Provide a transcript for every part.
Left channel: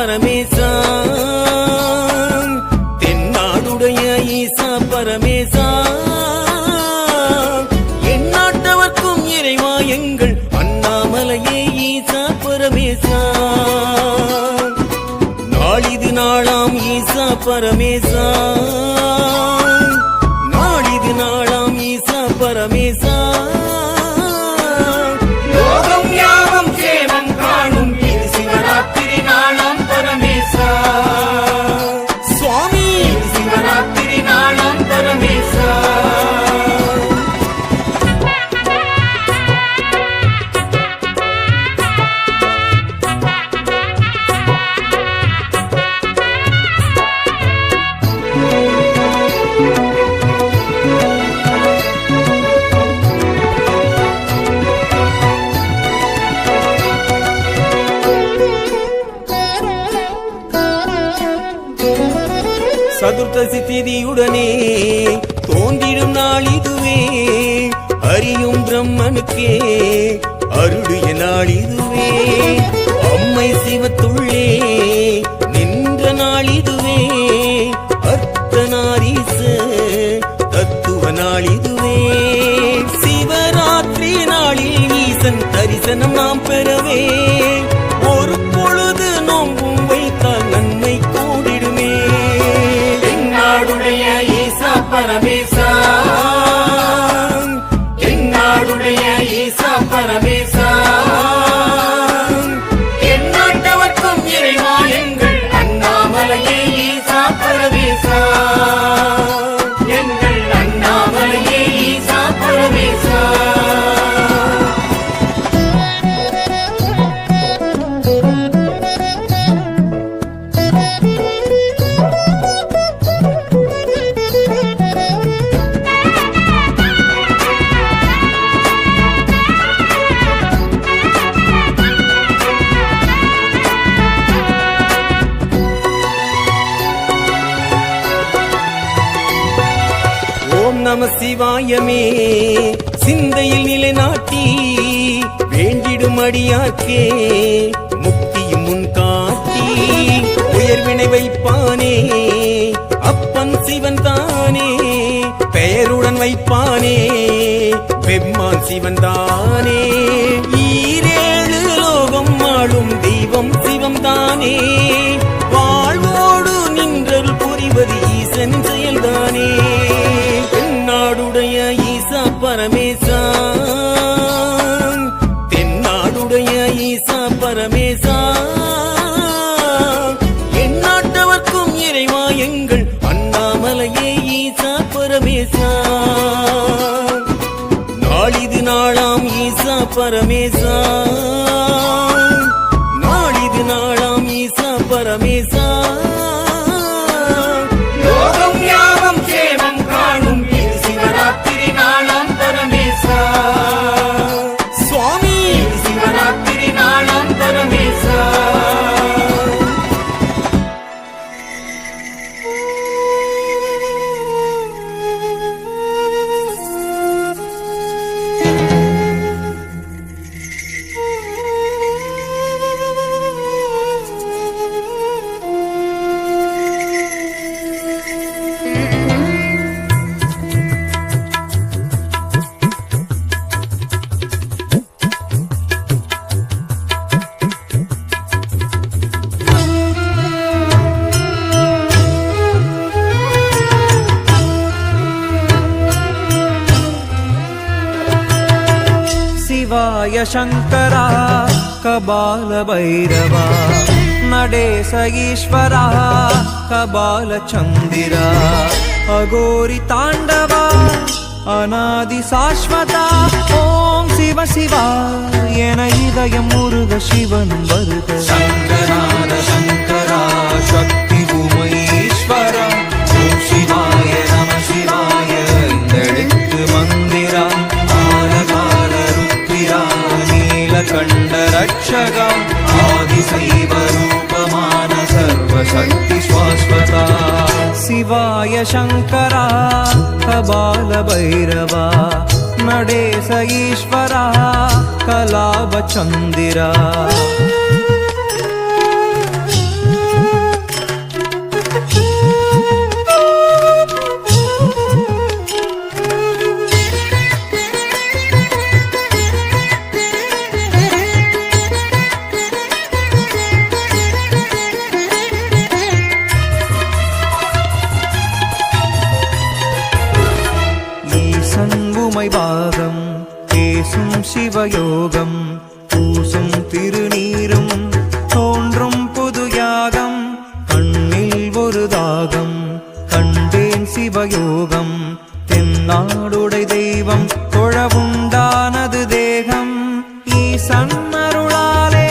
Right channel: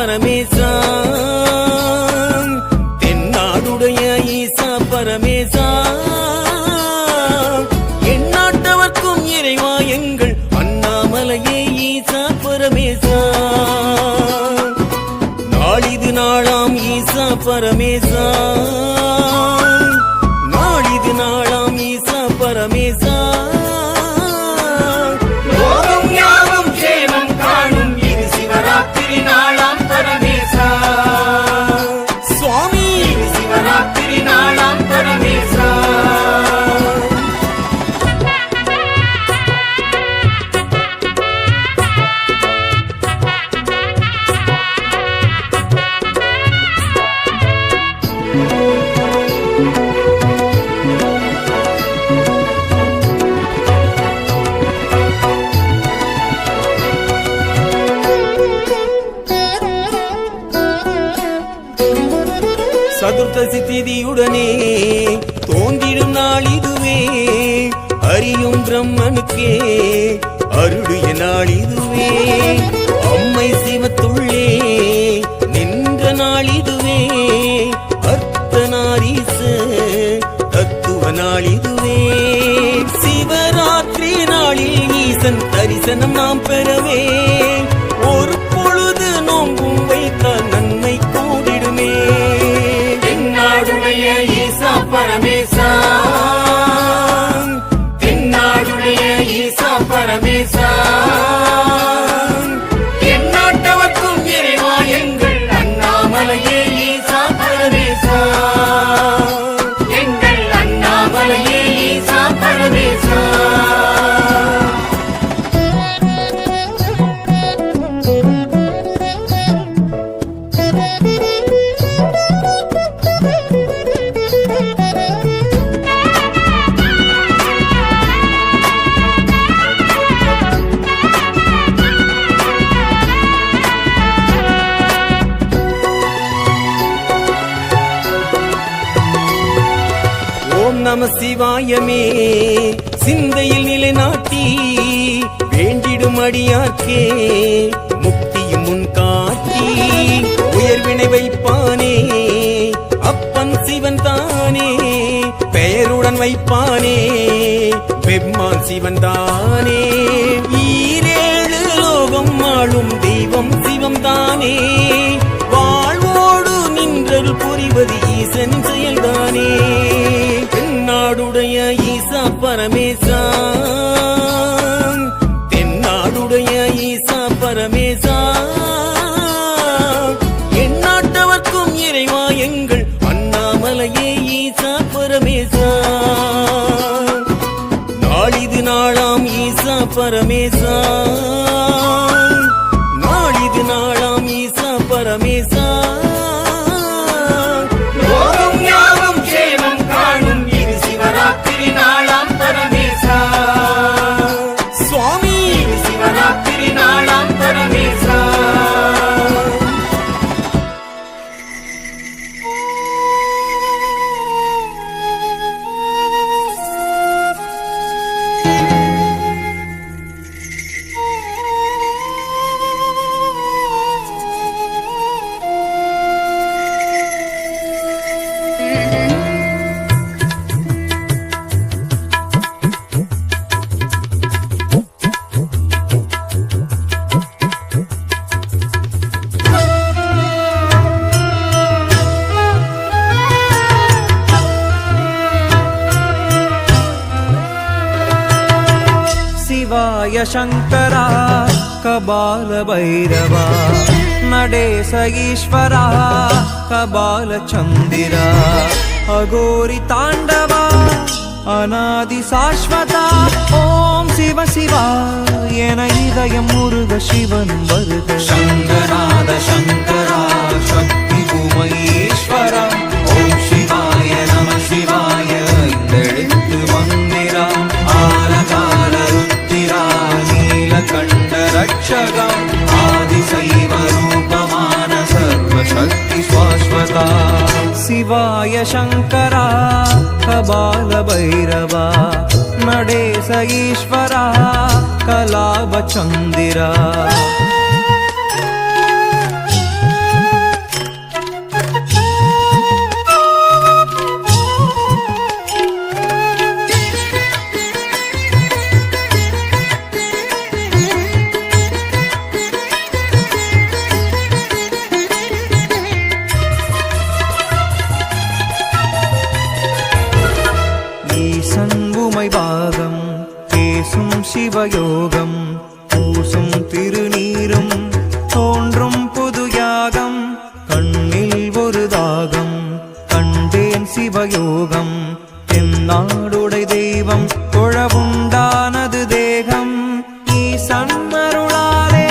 பரமேசா, தென்னாடுடைய ஈசா பரமேசா, எந்நாட்டவர்க்கும் இறைவா எங்கள் அண்ணாமலையே ஈசா பரமேசா. நாளிது நாளாம் ஈசா பரமேசா, நாளிது நாளாம் ஈசா பரமேசா, லோகம் யாவும் சேமம் காணும் இது சிவராத்திரி நாளாம் பரமேசா. சுவாமி சிவராத்திரி நாளாம் பரமேசா. சதுர்த்தசி திதியுடனே தோன்றிடும் நாள் இதுவே, அறியும் பிரம்மனுக்கே அருளிய நாள் இதுவே, அம்மை சிவத்துள்ளே நின்ற நாள் இதுவே, அர்த்தநாரீச தத்துவ நாள் இதுவே. சிவராத்திரி நாளில் ஈசன் தரிசனம் நாம் பெறவே, ஒரு பொழுது நோம்பும் வைத்தால் நன்மை கூடிடுமே. தென்னாடுடைய ஈசா பரமேசா, தென்னாடுடைய ஈசா பரமேசா, எந்நாட்டவர்க்கும் இறைவா எங்கள் அண்ணாமலையே ஈசா பரமேசா, எங்கள் அண்ணாமலையே ஈசா பரமேசா. ஓம் நம சிவாயமே சிந்தையில் நிலைநாட்டி, வேண்டிடும் அடியார்க்கே முக்தியும் முன் காட்டி, உயர்வினை வைப்பானே அப்பன் சிவன் தானே, பெயருடன் வைப்பானே பெம்மான் சிவன் தானே. ஈரேழு லோகம் ஆளும் தெய்வம் சிவம் தானே, வாழ்வோடு நின்றல் புரிவது ஈசனின் செயல்தானே. தென்னாடுடைய ஈசா பரமேசா, தென்னாடுடைய ஈசா பரமேசா, எந்நாட்டவர்க்கும் இறைவா எங்கள் அண்ணாமலையே ஈசா பரமேசா. நாளிது நாளாம் ஈசா பரமேசா, நாளிது நாளாம் ஈசா பரமேசா, லோகம் யாவும் சேமம் காணும் இது சிவராத்திரி நாளாம் பரமேசா. சுவாமி சிவராத்திரி நாளாம் பரமேசா. शिवाय शंकरा कबाल भैरवा, नडेश ईश्वरा कबाल चंदिरा, अघोरी तांडवा अनादि शाश्वता. ओम शिव शिवा एन इदयम मुरुग शिवन वर्ग. शंकरार शंकरा शक्ति भूमईश्वरा, ओम शिवाय नम शिवाय इंदळित्तु मंदिरा, आलकाल रुद्रा नीलकंठ रक्षका, आदिशैव रूपमान सर्वशक्ति शाश्वता. शिवाय शंकरा कबाल भैरवा, नडेश ईश्वरा कलाभ चंदिरा. ஈசன் உமை பாகம் பேசும் சிவயோகம் பூசும் திருநீரும் தோன்றும் புது யாகம் கண்ணில் ஒரு தாகம் கண்டேன் சிவயோகம் தென்னாடுடை தெய்வம் தொழவுண்டானது தேகம் ஈசன் அருளாலே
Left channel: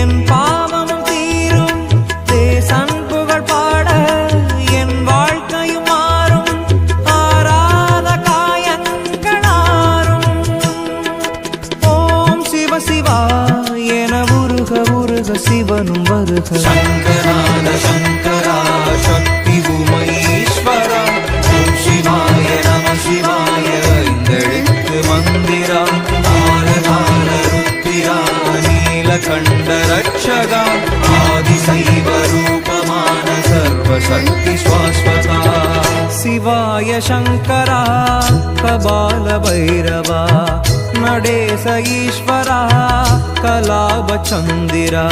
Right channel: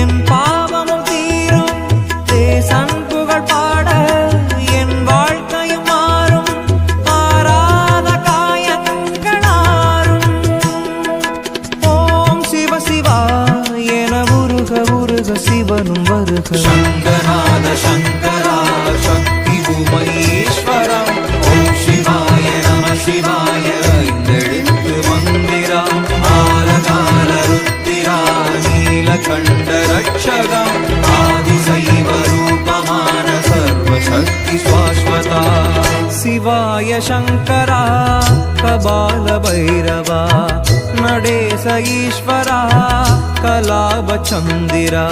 என் பாவமும் தீரும் தேசன் புகழ் பாட என் வாழ்க்கையும் மாறும் ஆராத காயங்களாரும் ஓம் சிவ சிவா என உருக உருக சிவனும் வருக சங்கரான சங்கரா சக்தி உமைஸ்வரா ஓம் சிவாய நம சிவாய ஐந்தெழுத்து மந்திரா ஆலகால ருத்திரா நீலகண்ட ரட்சகா ஆதிசைவ ரூபமான சர்வசக்தி ஸ்வாஸ்வதா சிவாய சங்கரா கபால பைரவா நடேச ஈஸ்வரா கலாப சந்திரா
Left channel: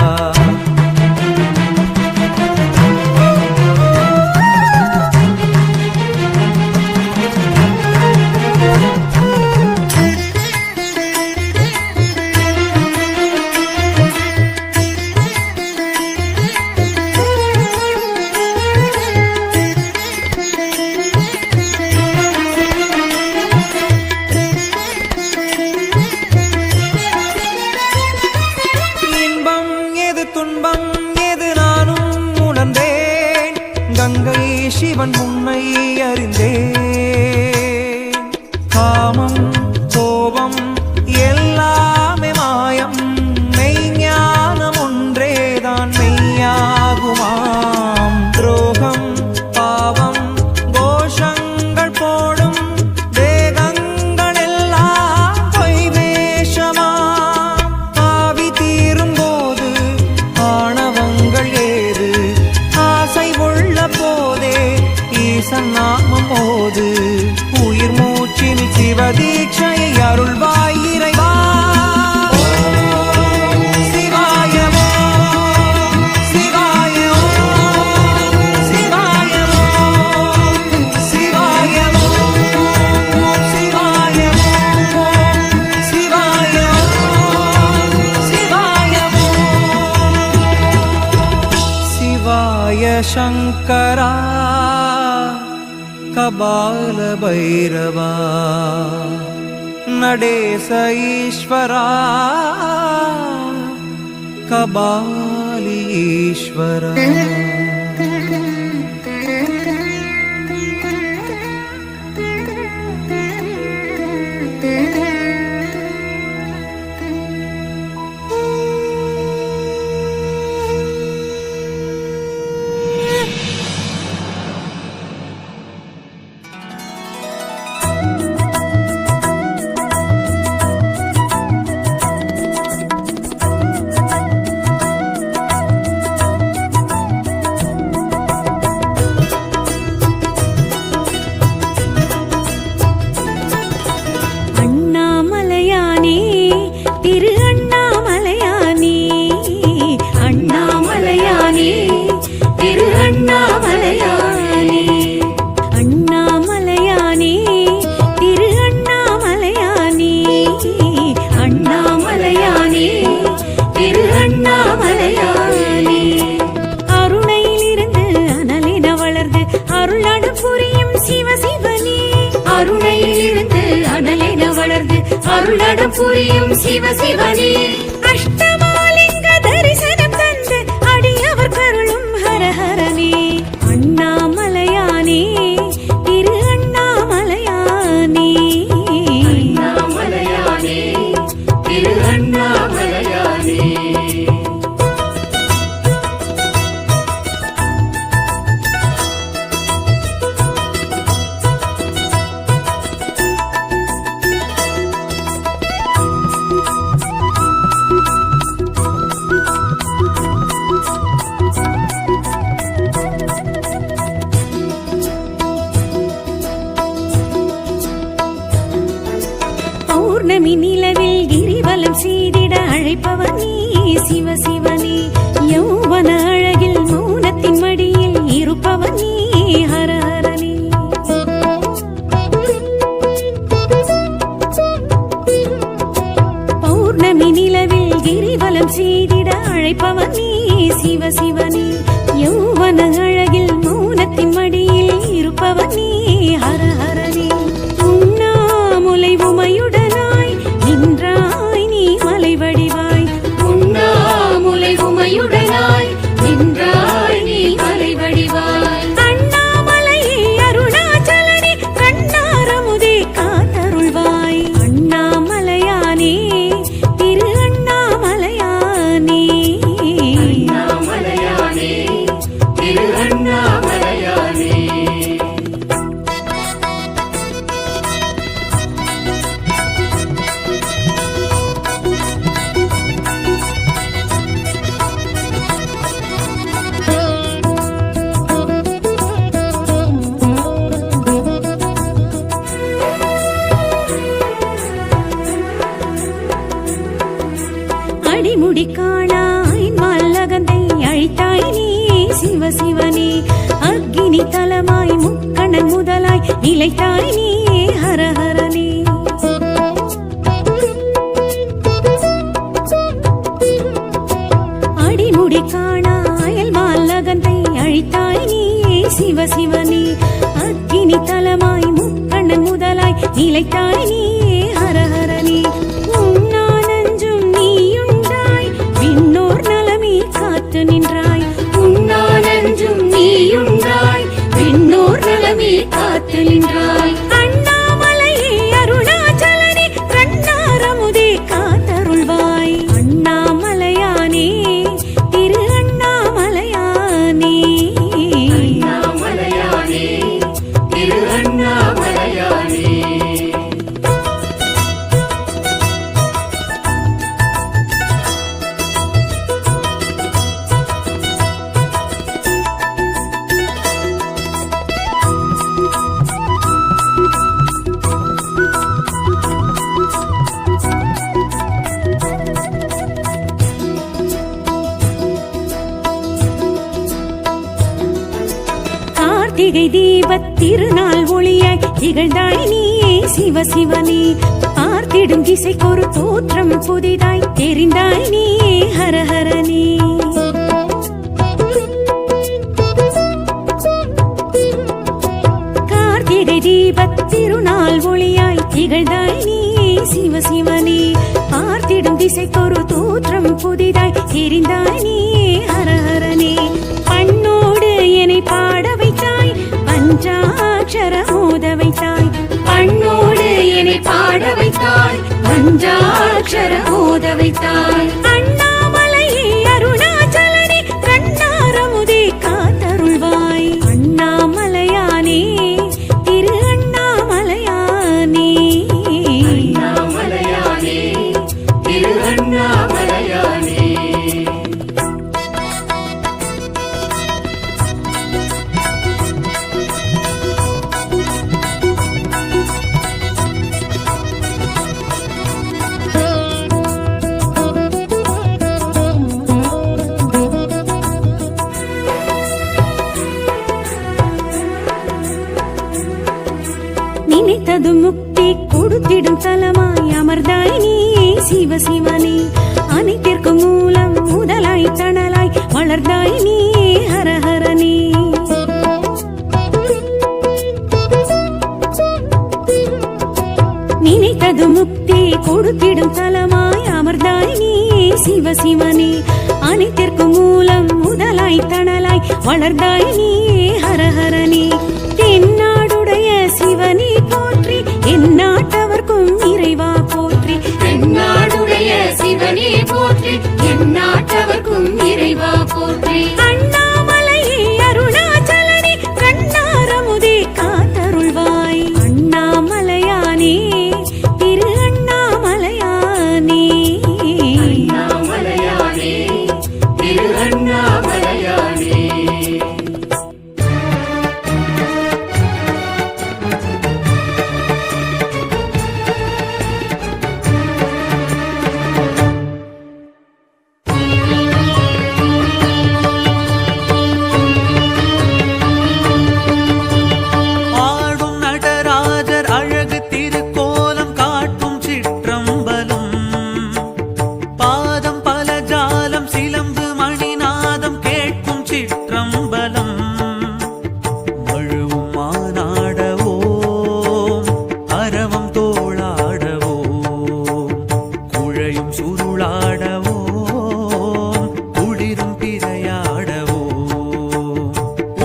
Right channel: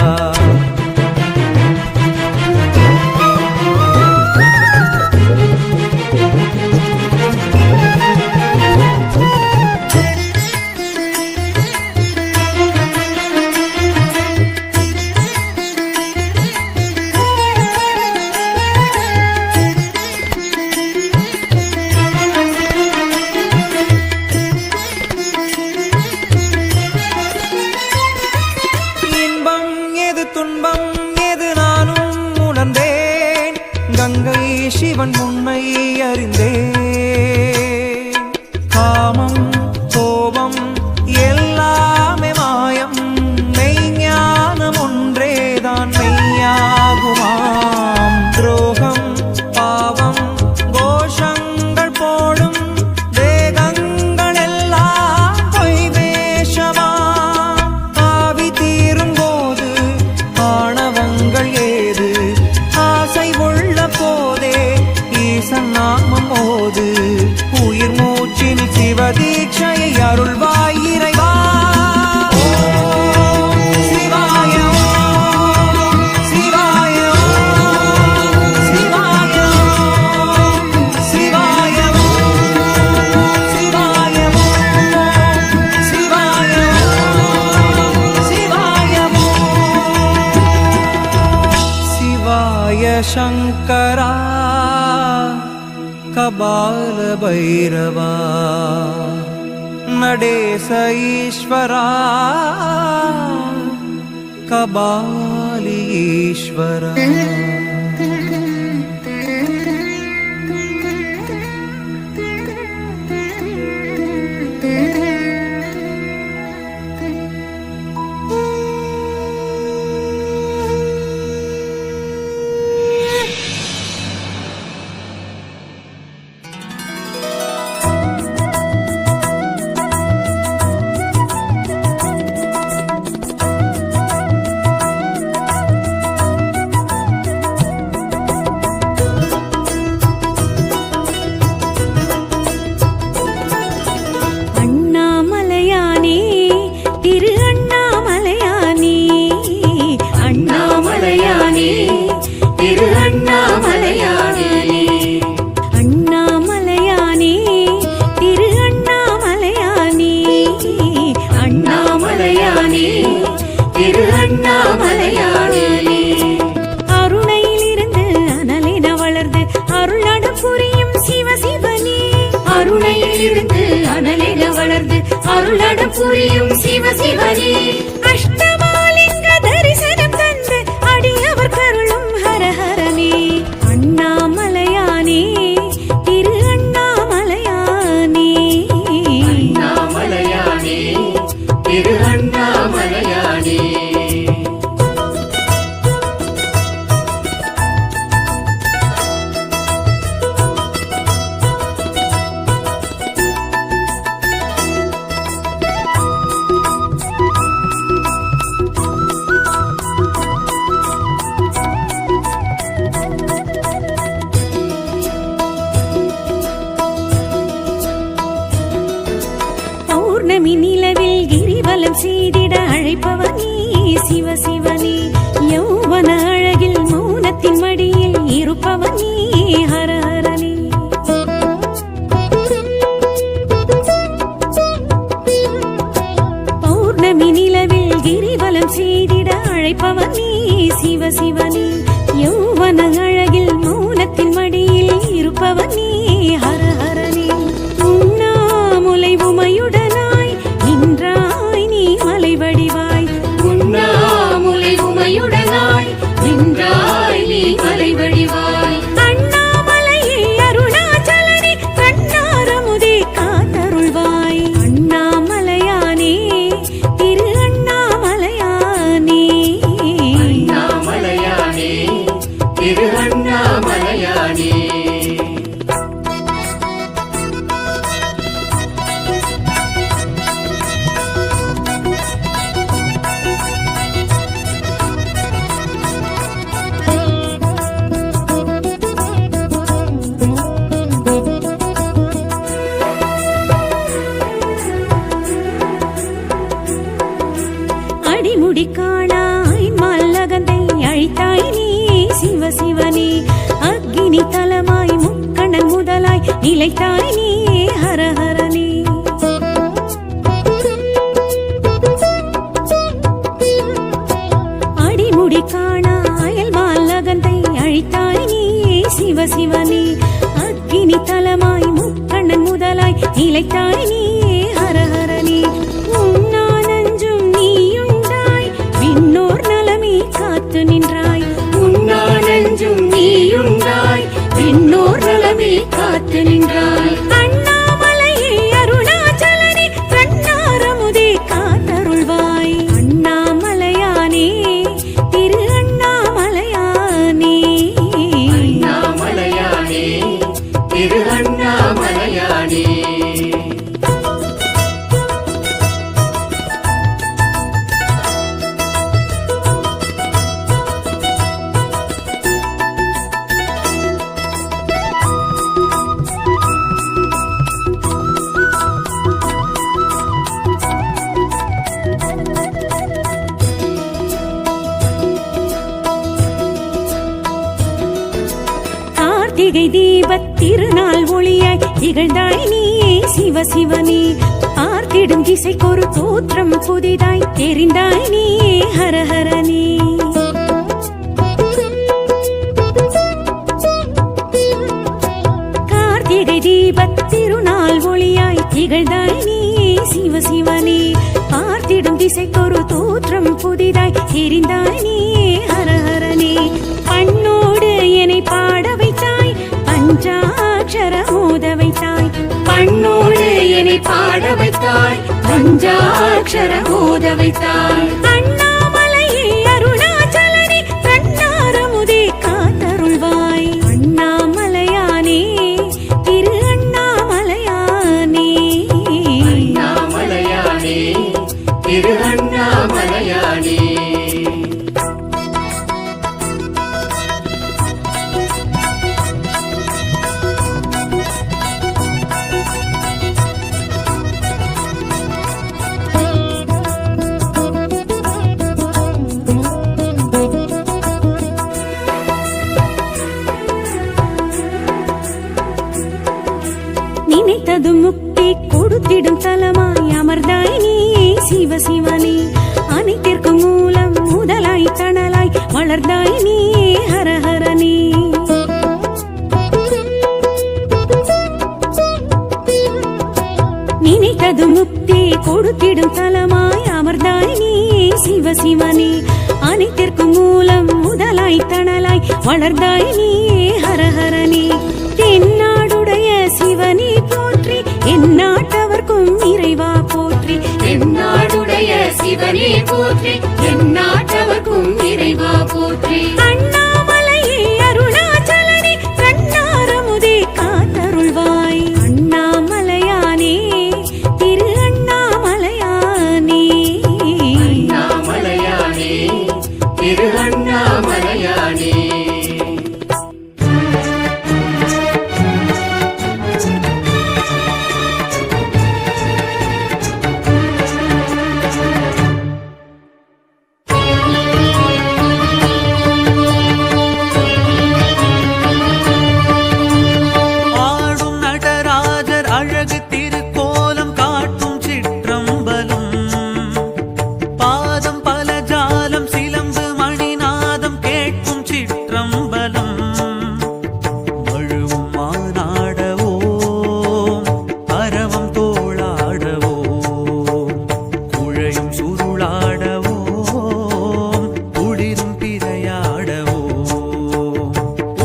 துன்பம் எது நானும் உணர்ந்தேன் கங்கை சிவன் முன்னை அறிந்தேன் காமம் கோபம் எல்லாமே மாயம் மெய்ஞானம் ஒன்றேதான் மெய்யாகுமாம் துரோகம் பாவம் கோஷங்கள் போடும் தேகங்கள் எல்லாம் பொய் வேஷமாம் ஆவி தீரும் போது ஆணவங்கள் ஏது ஆசை உள்ள போதே ஈசன் நாமம் ஓது உயிர் மூச்சில் சிவதீட்சையை அருள்வாய் இறைவா சிவாய சிவாய சிவாய சிவாய சிவாய சிவாய சிவாய சங்கரா கபால பைரவா நடேச ஈஸ்வரா கபாலி ஈஸ்வரா திரு அண்ணாமலையானே அண்ணாமலையானே திரு அண்ணாமலையானே அண்ணாமலையானே திரு அண்ணாமலையானே அண்ணாமலையானே திரு அண்ணாமலையானே அருணையிலிருந்து அனலின வளர்ந்து அருளட புரியும் சிவசிவனே அருணையிலிருந்து அனலின வளர்ந்து அருளட புரியும் சிவசிவனே அஷ்டமாலிங்க தரிசனம் தந்து அடியவர் கருளும் ஹரஹரனே அண்ணாமலையானே திரு அண்ணாமலையானே அண்ணாமலையானே திரு அண்ணாமலையானே பௌர்ணமி நிலவில் கிரிவலம் செய்திட அழைப்பவனே சிவசிவனே யௌவன அழகில் மௌனத்தின் மடியில் இருப்பவனே ஹரஹரனே கிரிவலம் செய்திட அழைப்பவன் நீ சிவ சிவனே யௌவன அழகில் மௌனத்தின் மடியில் இருப்பவன் நீ ஹர ஹரனே உண்ணாமுலை உமையுடனாய் நின்றாய் நீ மலை வடிவாய் உண்ணாமுலை உமையுடனாய் நின்றாய் நீ மலை வடிவாய் அண்ணாமலையே அருணாச்சலனே கண்ணாரமுதே காத்தருள்வாய் அண்ணாமலையானே திரு அண்ணாமலையானே அண்ணாமலையானே திரு அண்ணாமலையானே அடிமுடி காணாய் மல்லகந்தை அழித்தாய் நீ சிவ சிவனே அக்கினி தலமாய் முக்கண்ணன் முதலாய் நிலைத்தாய் நீ ஹர ஹரனே அடிமுடி காணாயல் மல்லகந்தை அழித்தாய் நீ சிவ சிவனே அக்கினி தலமாய் முக்கண்ணன் முதலாய் நிலைத்தாய் நீ ஹர ஹரனே உண்ணானஞ்சும் நீயுண்டாய் விண்ணோர் நலமே காத்து நின்றாய் உண்ணானஞ்சும் நீயுண்டாய் விண்ணோர் நலமே காத்து நின்றாய் அண்ணாமலையே அருணாச்சலனே கண்ணாரமுதே காத்தருள்வாய் அண்ணாமலையானே திரு அண்ணாமலையானே அண்ணாமலையானே திரு அண்ணாமலையானே கார்த்திகை தீபத் திருநாள் ஒளியாய் திகழ்ந்தாய் நீ சிவ சிவனே பார்த்திடும் திசைக்கொரு தோற்றம் புதிதாய் தெரிந்தாய் நீ ஹர ஹரனே கார்த்திகை தீபத் திருநாள் ஒளியாய் திகழ்ந்தாய் நீ சிவ சிவனே பார்த்திடும் திசைக்கொரு தோற்றம் புதிதாய் தெரிந்தாய் நீ ஹர ஹரனே பண்ணோடு என்னை பாட வைத்தாய் பஞ்சாட்சர மோத வைத்தாய் பண்ணோடு என்னை பாட வைத்தாய் பஞ்சாட்சர மோத வைத்தாய் அண்ணாமலையே அருணாச்சலனே கண்ணாரமுதே காத்தருள்வாய் அண்ணாமலையானே திரு அண்ணாமலையானே அண்ணாமலையானே திரு அண்ணாமலையானே நினைத்தது முக்தி கொடுத்திடும் தலமாய் அமர்ந்தாய் நீ சிவ சிவனே அனைத்திற்கும் மூலம் முதலாய் தணலாய் வளர்ந்தாய் நீ ஹர ஹரனே நினைத்தது முக்தி கொடுத்திடும் தலமாய் அமர்ந்தாய் நீ சிவ சிவனே அனைத்திற்கும் மூலம் முதலாய் தணலாய் வளர்ந்தாய் நீ ஹர ஹரனே தென்னாடுடைய சிவனே போற்றி எந்நாட்டவர்க்கும் இறைவா போற்றி தென்னாடுடைய சிவனே போற்றி எந்நாட்டவர்க்கும் இறைவா போற்றி அண்ணாமலையே அருணாச்சலனே கண்ணாரமுதே காத்தருள்வாய் அண்ணாமலையானே திரு அண்ணாமலையானே அண்ணாமலையானே திரு அண்ணாமலையானே அழகு திருக்கோலம் காட்டும் சிற்றம்பலம் பாதம் பல ஜாலம் சிலம்பு மணிநாதம் கேட்கும் சிற்றம்பலம் மழுவும் மானாடவோம் அரவம் தோளாடவோம் குழையும் சுருளாடவோம் குளிரும் பிறையாடவோம்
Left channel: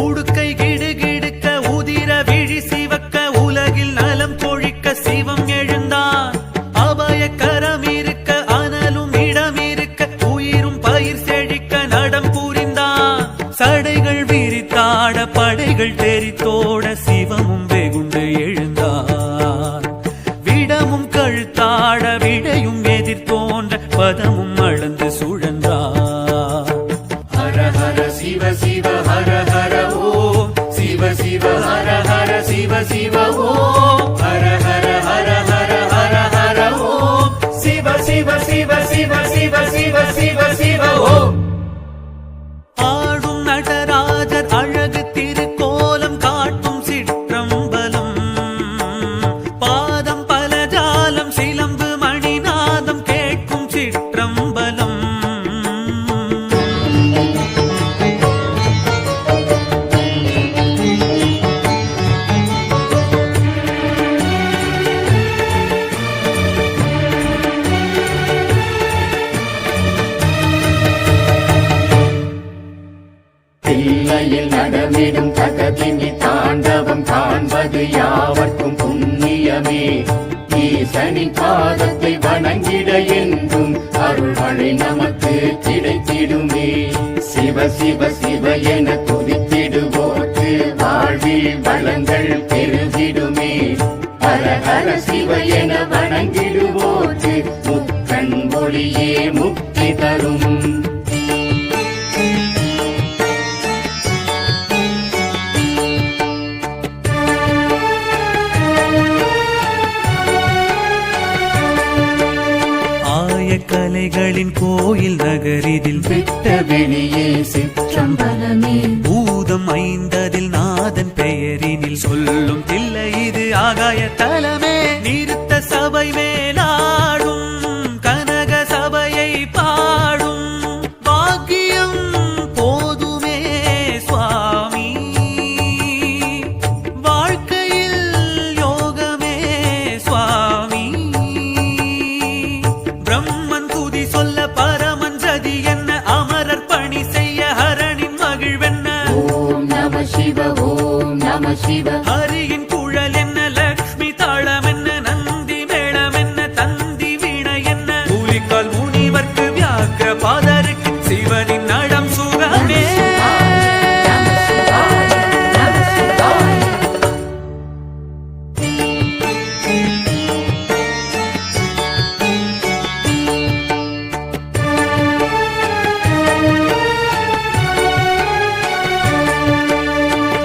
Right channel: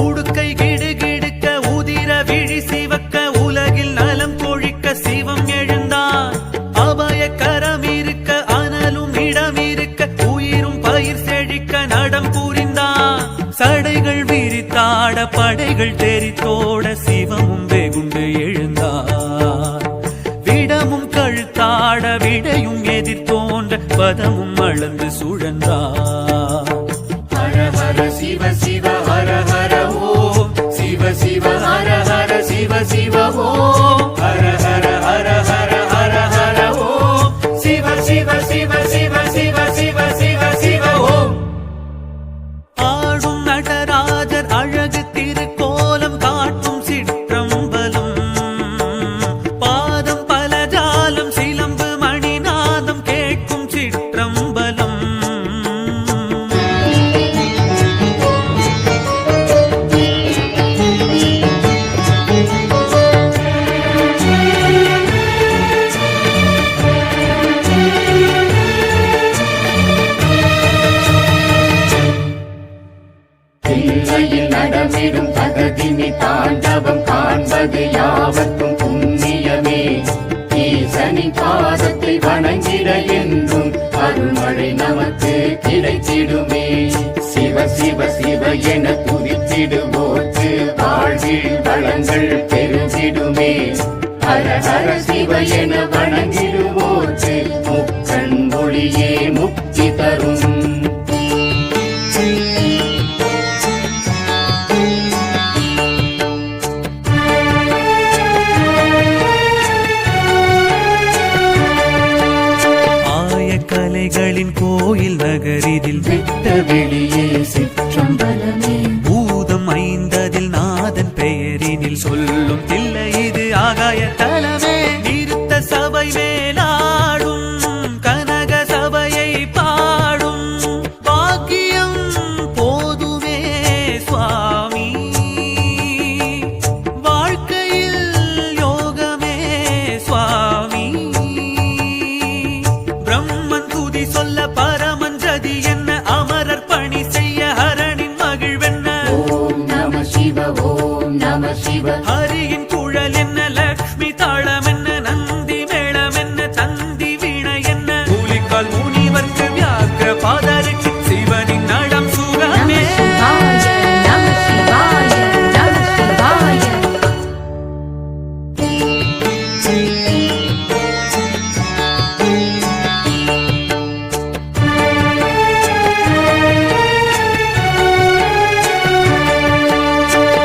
உடுக்கை கிடுகிடுக்க உதிர விழி சிவக்க உலகில் நலம் கொழிக்க சிவம் எழுந்தான் அபய கரம் இருக்க அனலும் இடம் இருக்க உயிரும் பயிர் செழிக்க நடம் புரிந்தான் சடைகள் விரித்தாட படைகள் தெரித்தோட சிவமும் வெகுண்டு எழுந்தார் விடமும் கழுத்தாட விடையும் எதிர்த்தோன்ற பதமும் அளந்து சுழன்றார் ஹர ஹர சிவ சிவ ஹர ஹர ஓம் சிவ சிவ ஹர ஹர சிவ சிவ ஓம் ஹர ஹர ஹர ஹர ஹர ஹர ஓம் சிவ சிவ சிவ சிவ சிவ சிவ சிவ சிவ ஓம் ஆடும் நடராஜர் அழகு திருக்கோலம் காட்டும் சிற்றம்பலம் பாதம் பல ஜாலம் சிலம்பு மணிநாதம் கேட்கும் சிற்றம்பலம் நடமிடும் தகதினி தாண்டவம் காண்பது யாவர்க்கும் புண்ணியமே ஈசனின் பாதத்தை வணங்கிட என்றும் அருள்மழை நமக்கு கிடைத்திடுமே சிவ சிவ சிவ என துதித்திடுவோர்க்கு வாழ்வில் வளங்கள் பெருகிடுமே ஹர ஹர சிவ என வணங்கிடுவோர்க்கு முக்கண் ஒளியே முக்தி தரும் ஆய கலைகளின் கோயில் நகரிதில் விட்ட வெளியே சிற்றம்பலமே பூதம் ஐந்ததில் நாதன் பெயரினில் சொல்லும் தில்லை இது ஆகாய தலமே நிறுத்த சபை மேலாடும் கனக சபையை பாடும் பாக்கியம் போதுமே சுவாமி வாழ்க்கையில் யோகமே சுவாமி பிரம்மன் துதி சொல்ல பரமன் ஜதி என்ன அமரர் பணி செய்ய ஹரனின் மகிழ்வென்ன ஓம் நம சிவ ஓம் நம சிவ ஹரியின் குழல் என்ன லக்ஷ்மி தாளம் என்ன நந்தி மேளம் என்ன தந்தி வீணை என்ன கூலிக்கால் முனிவர்க்கு வியாக்கிர பாதருக்கு சிவனின் நடம் சுகமே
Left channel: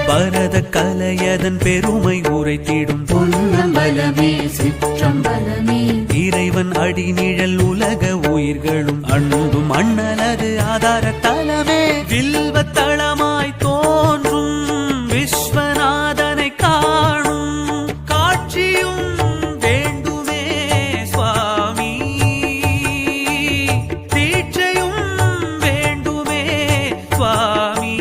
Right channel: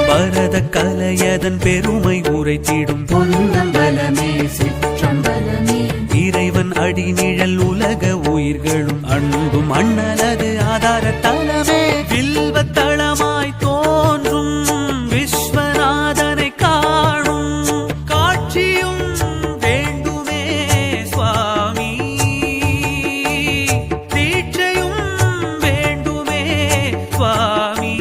பரத கலையதன் பெருமை உரைத்திடும் பொன்னம்பலமே சிற்றம்பலமே இறைவன் அடிநிழல் உலக உயிர்களும் அன்பும் அண்ணலது ஆதார தலமே வில்வத்தளமாய் தோன்றும் விஸ்வநாதனை காணும் காட்சியும் வேண்டுமே சுவாமி தீட்சையும் வேண்டுமே சுவாமி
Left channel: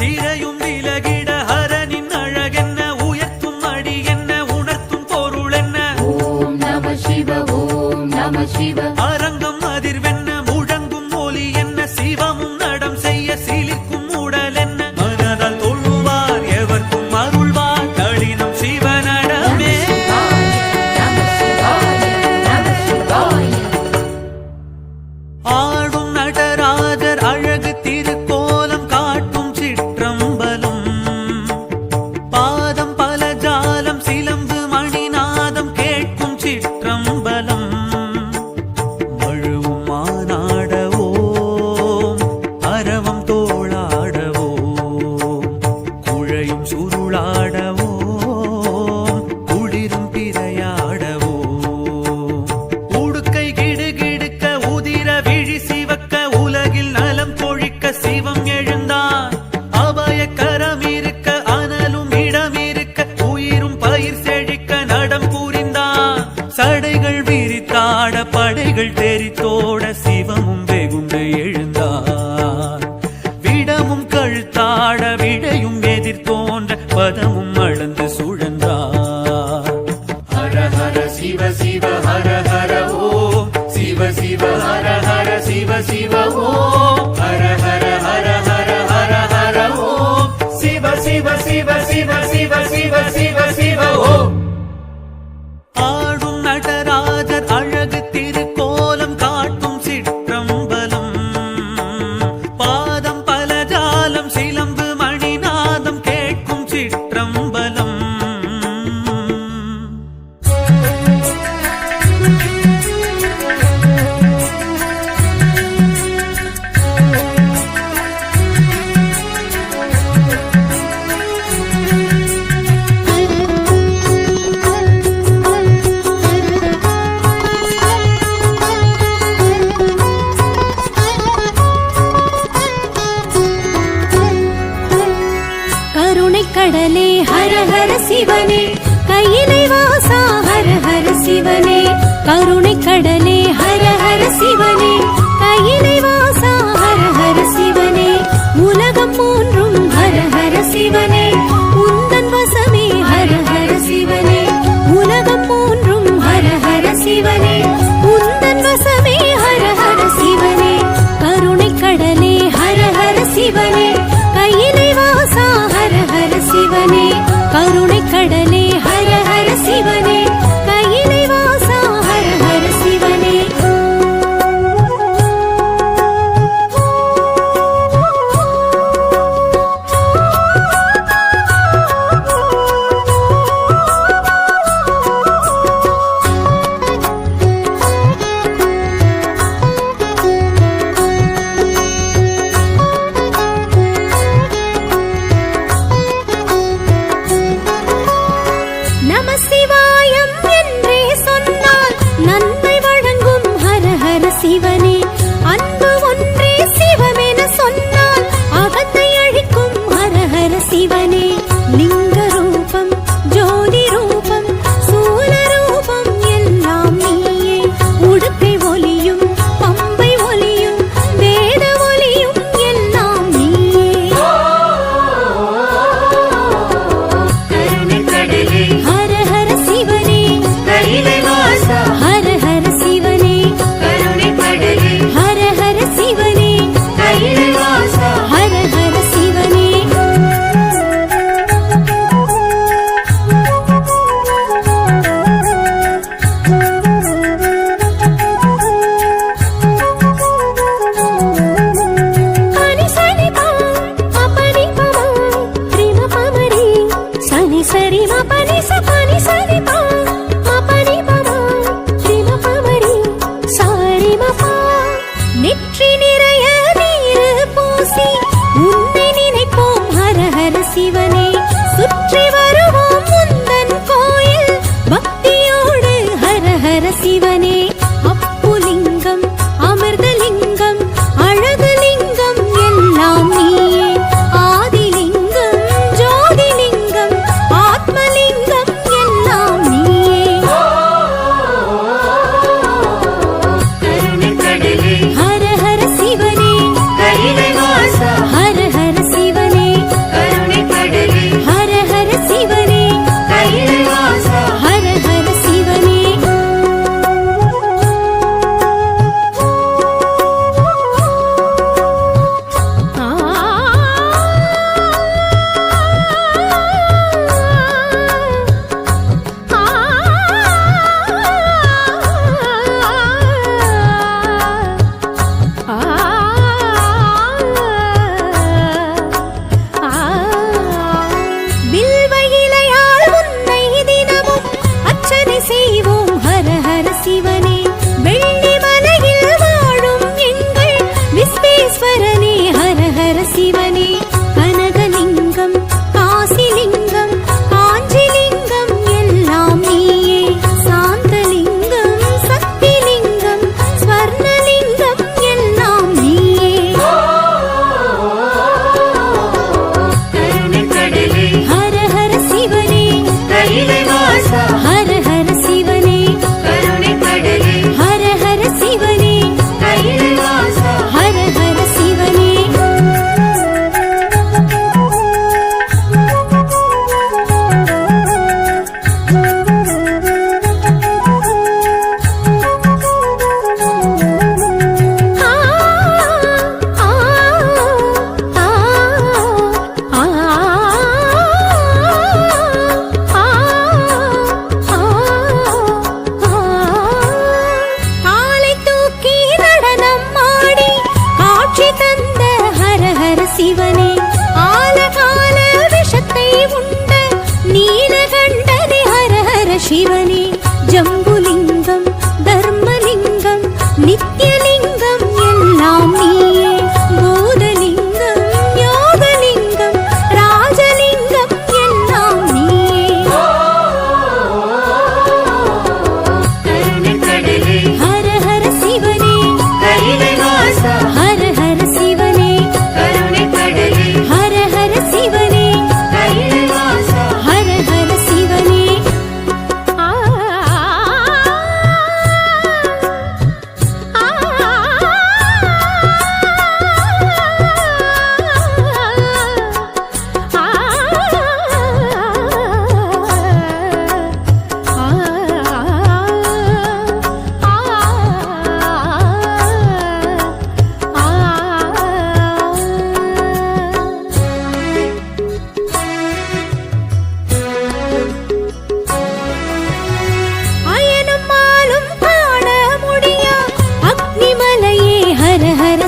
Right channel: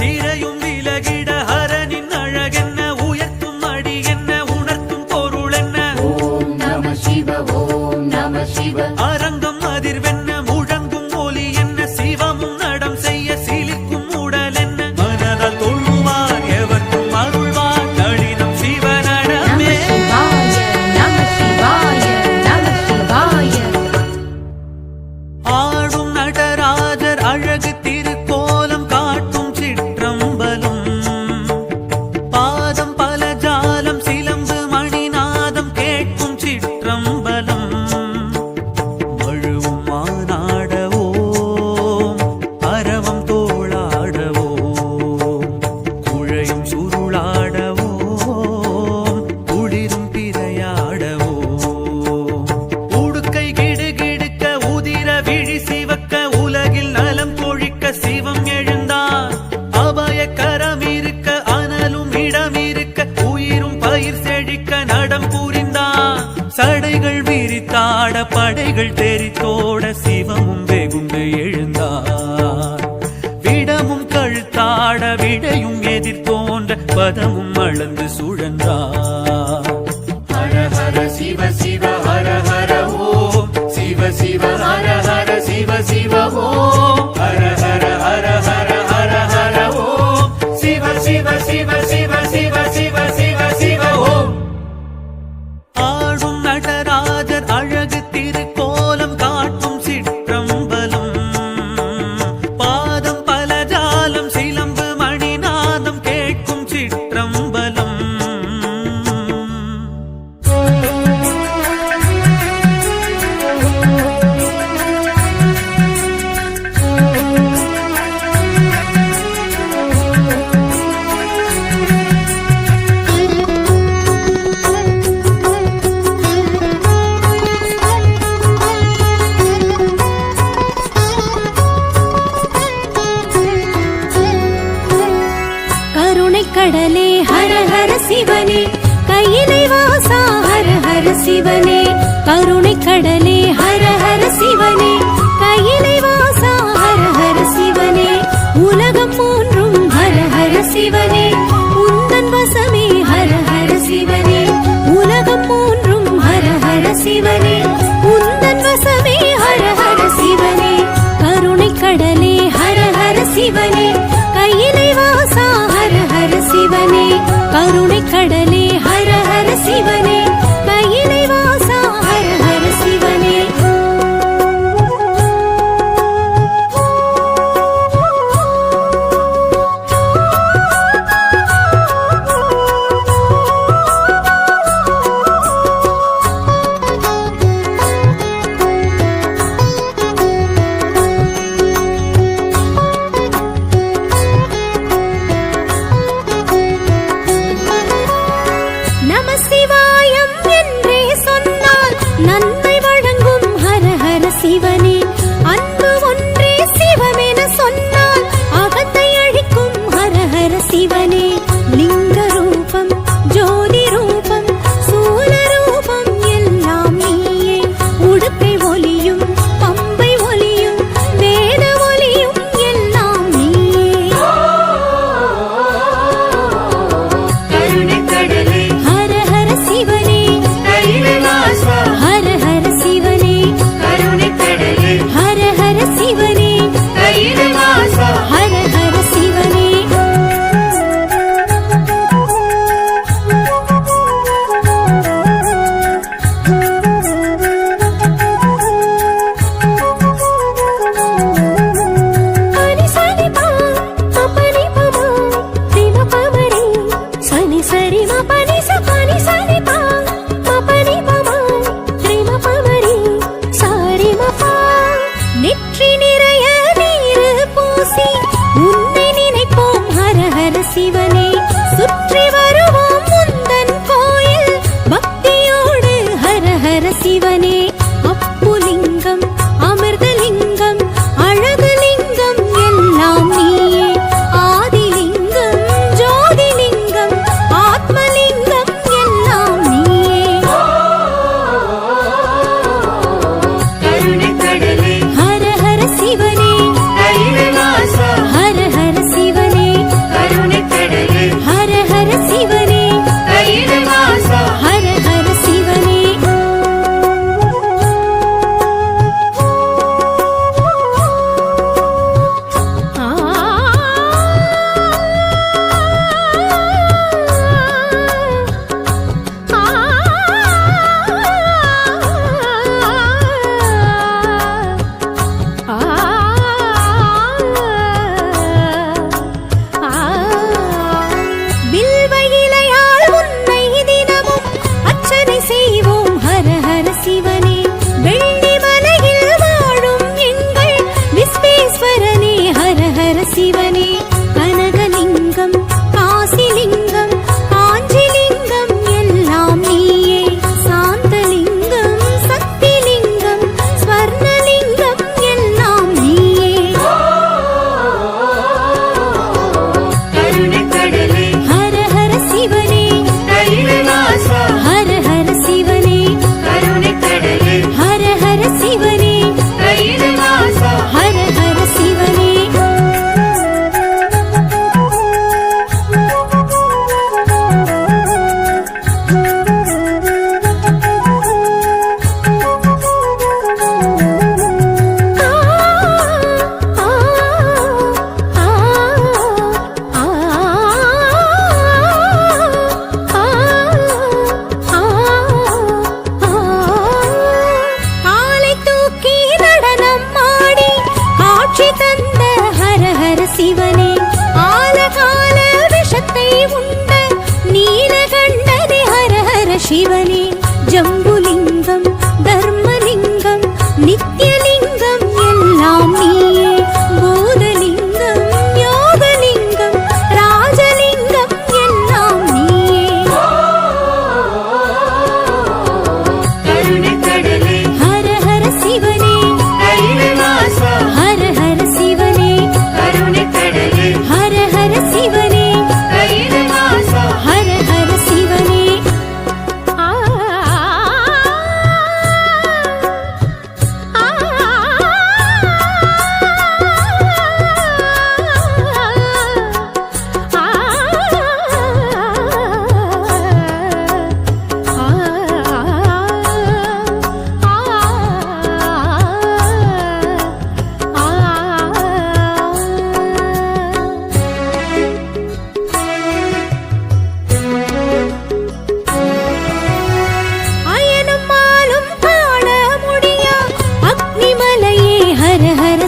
திரையும் விலகிட ஹரனின் அழகென்ன உயர்த்தும் அடி என்ன உணர்த்தும் பொருள் என்ன ஓம் நம சிவ ஓம் நம சிவ அரங்கம் அதிர்வென்ன முழங்கும் ஒலி என்ன சிவமும் நடம் செய்ய சிலிர்க்கும் உடல் என்ன மனதால் தொழுவார் எவர்க்கும் அருள்வார் நளினம் சிவனடமே ஆடும் நடராஜர் அழகு திருக்கோலம் காட்டும் சிற்றம்பலம் பாதம் பல ஜாலம் சிலம்பு மணிநாதம் கேட்கும் சிற்றம்பலம் மழுவும் மானாடவோம் அரவம் தோளாடவோம் குழையும் சுருளாடவோம் குளிரும் பிறையாடவோம் உடுக்கை கிடுகிடுக்க உதிர விழி சிவக்க உலகில் நலம் கொழிக்க சிவம் எழுந்தான் அபய கரம் இருக்க அனலும் இடம் இருக்க உயிரும் பயிர் செழிக்க நடம் புரிந்தான். சடைகள் விரித்தாட படைகள் தெரித்தோட சிவமும் வெகுண்டு எழுந்தார். விடமும் கழுத்தாட விடையும் எதிர் தோன்ற பதமும் அளந்து சுழன்றார். ஹர ஹர சிவ சிவ ஹர ஹர ஓம் சிவ சிவ ஹர ஹர சிவ சிவ ஓம் ஹர ஹர ஹர ஹர ஹர ஹர ஓம் சிவ சிவ சிவ சிவ சிவ சிவ சிவ சிவ ஓம். ஆடும் நடராஜர் அழகு திருக்கோலம் காட்டும் சிற்றம்பலம். பாதம் பலஜாலம் சிலம்பு மணிநாதம் கேட்கும் சிற்றம்பலம். கடலே ஹர ஹர சிவனே கையிலை வாசா ஹர ஹர சிவனே. கருணை கடலே ஹர ஹர சிவனே கையிலை வாசா ஹர ஹர சிவனே. உலகம் மூன்றும் ஹர ஹர சிவனே உந்தன் வசமே ஹர ஹர சிவனே. உலகம் மூன்றும் ஹர ஹர சிவனே உந்தன் வசமே ஹர ஹர சிவனே. கருணை கடலே ஹர ஹர சிவனே கையிலை வாசா ஹர ஹர சிவனே. கருணை கடலே ஹர ஹர சிவனே கையிலை வாசா ஹர ஹர சிவனே. நம சிவாயம் என்றே சொன்னால் நன்மை வழங்கும் ஹர ஹர சிவனே. அன்பு ஒன்றே சிவமென சொன்னால் அகத்தை அழிக்கும் ஹர ஹர சிவனே. லிங்க ரூபம் ஜோதி ரூபம் சூல ரூபம் எல்லாம் நீயே. உடுக்கை ஒலியும் பம்பை ஒலியும் வேத ஒலியும் எல்லாம் நீயே. ஹர ஹர சிவனே ஹர ஹர சிவனே ஹர ஹர சிவனே ஹர ஹர சிவனே. நெற்றி நிறைய நீரு பூசி உன்னை நினைப்போம் ஹர ஹர சிவனே. சுற்றி வருவோம் முந்தன் கோயில் பக்தியோடு ஹர ஹர சிவனே. அப்புலிங்கம் அமிர்தலிங்கம் அழகுலிங்கம் எல்லாம் நீயே. ஆதிலிங்கம் ஜோதிலிங்கம் ஆத்மலிங்கம் எல்லாம் நீயே. ஹர ஹர சிவனே ஹர ஹர சிவனே ஹர ஹர சிவனே ஹர ஹர சிவனே. செய்வோம் ஹர ஹர சிவனே. வெள்ளி மலையில் வாழும் எங்கள் விஸ்வேஸ்வரனே ஹர ஹர சிவனே. கனகலிங்கம் காசிலிங்கம் காஞ்சிலிங்கம் எல்லாம் நீயே. சாந்தலிங்கம் சக்திலிங்கம் ஸ்வர்ணலிங்கம் எல்லாம் நீயே. ஹர ஹர சிவனே சிவனே ஜம்புலிங்கம் தர்மலிங்கம் நித்யலிங்கம் எல்லாம் நீயே பூதலிங்கம் யோகலிங்கம் ராஜலிங்கம் எல்லாம் நீயே ஹர ஹர சிவனே ஹர ஹர சிவனே ஹர ஹர சிவனே ஹர ஹர சிவனே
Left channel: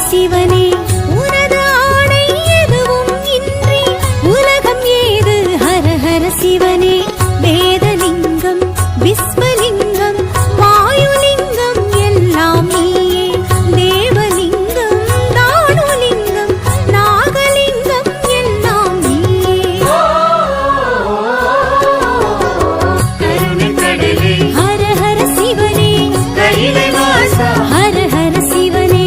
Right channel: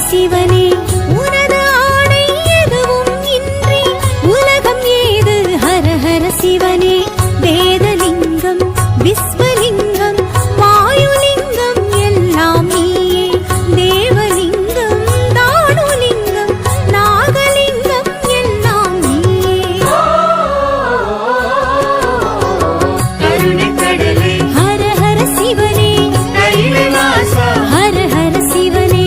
சிவனே உனது ஆணை எதுவும் இன்றி உலகம் ஏது ஹர ஹர சிவனே வேதலிங்கம் விஸ்வலிங்கம் வாயுலிங்கம் எல்லாம் நீயே தேவலிங்கம் தானுலிங்கம் நாகலிங்கம் எல்லாம் நீயே ஹர ஹர சிவனே ஹர ஹர சிவனே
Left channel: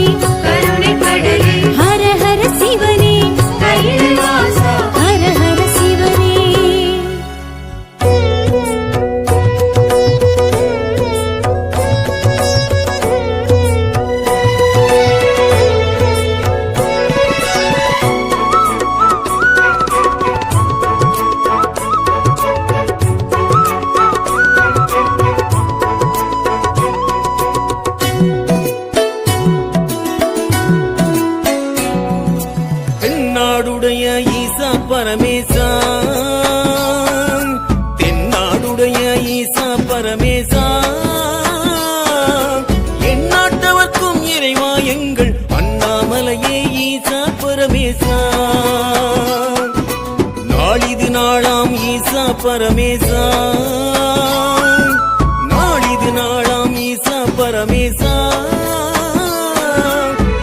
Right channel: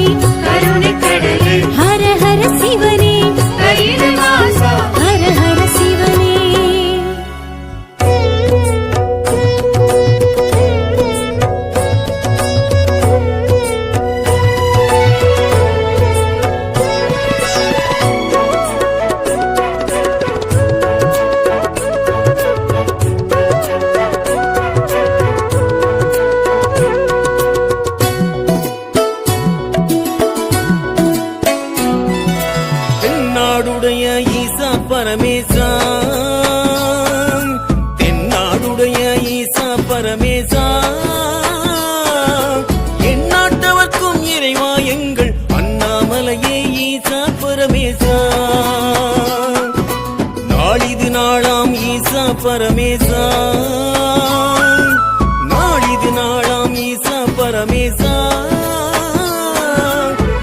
ஹர ஹர சிவனே ஹர ஹர சிவனே தென்னாடுடைய ஈசா பரமேசா தென்னாடுடைய ஈசா பரமேசா எந்நாட்டவர்க்கும் இறைவா எங்கள் அண்ணாமலையே ஈசா பரமேசா நாளிது நாளாம் ஈசா பரமேசா நாளிது நாளாம் ஈசா பரமேசா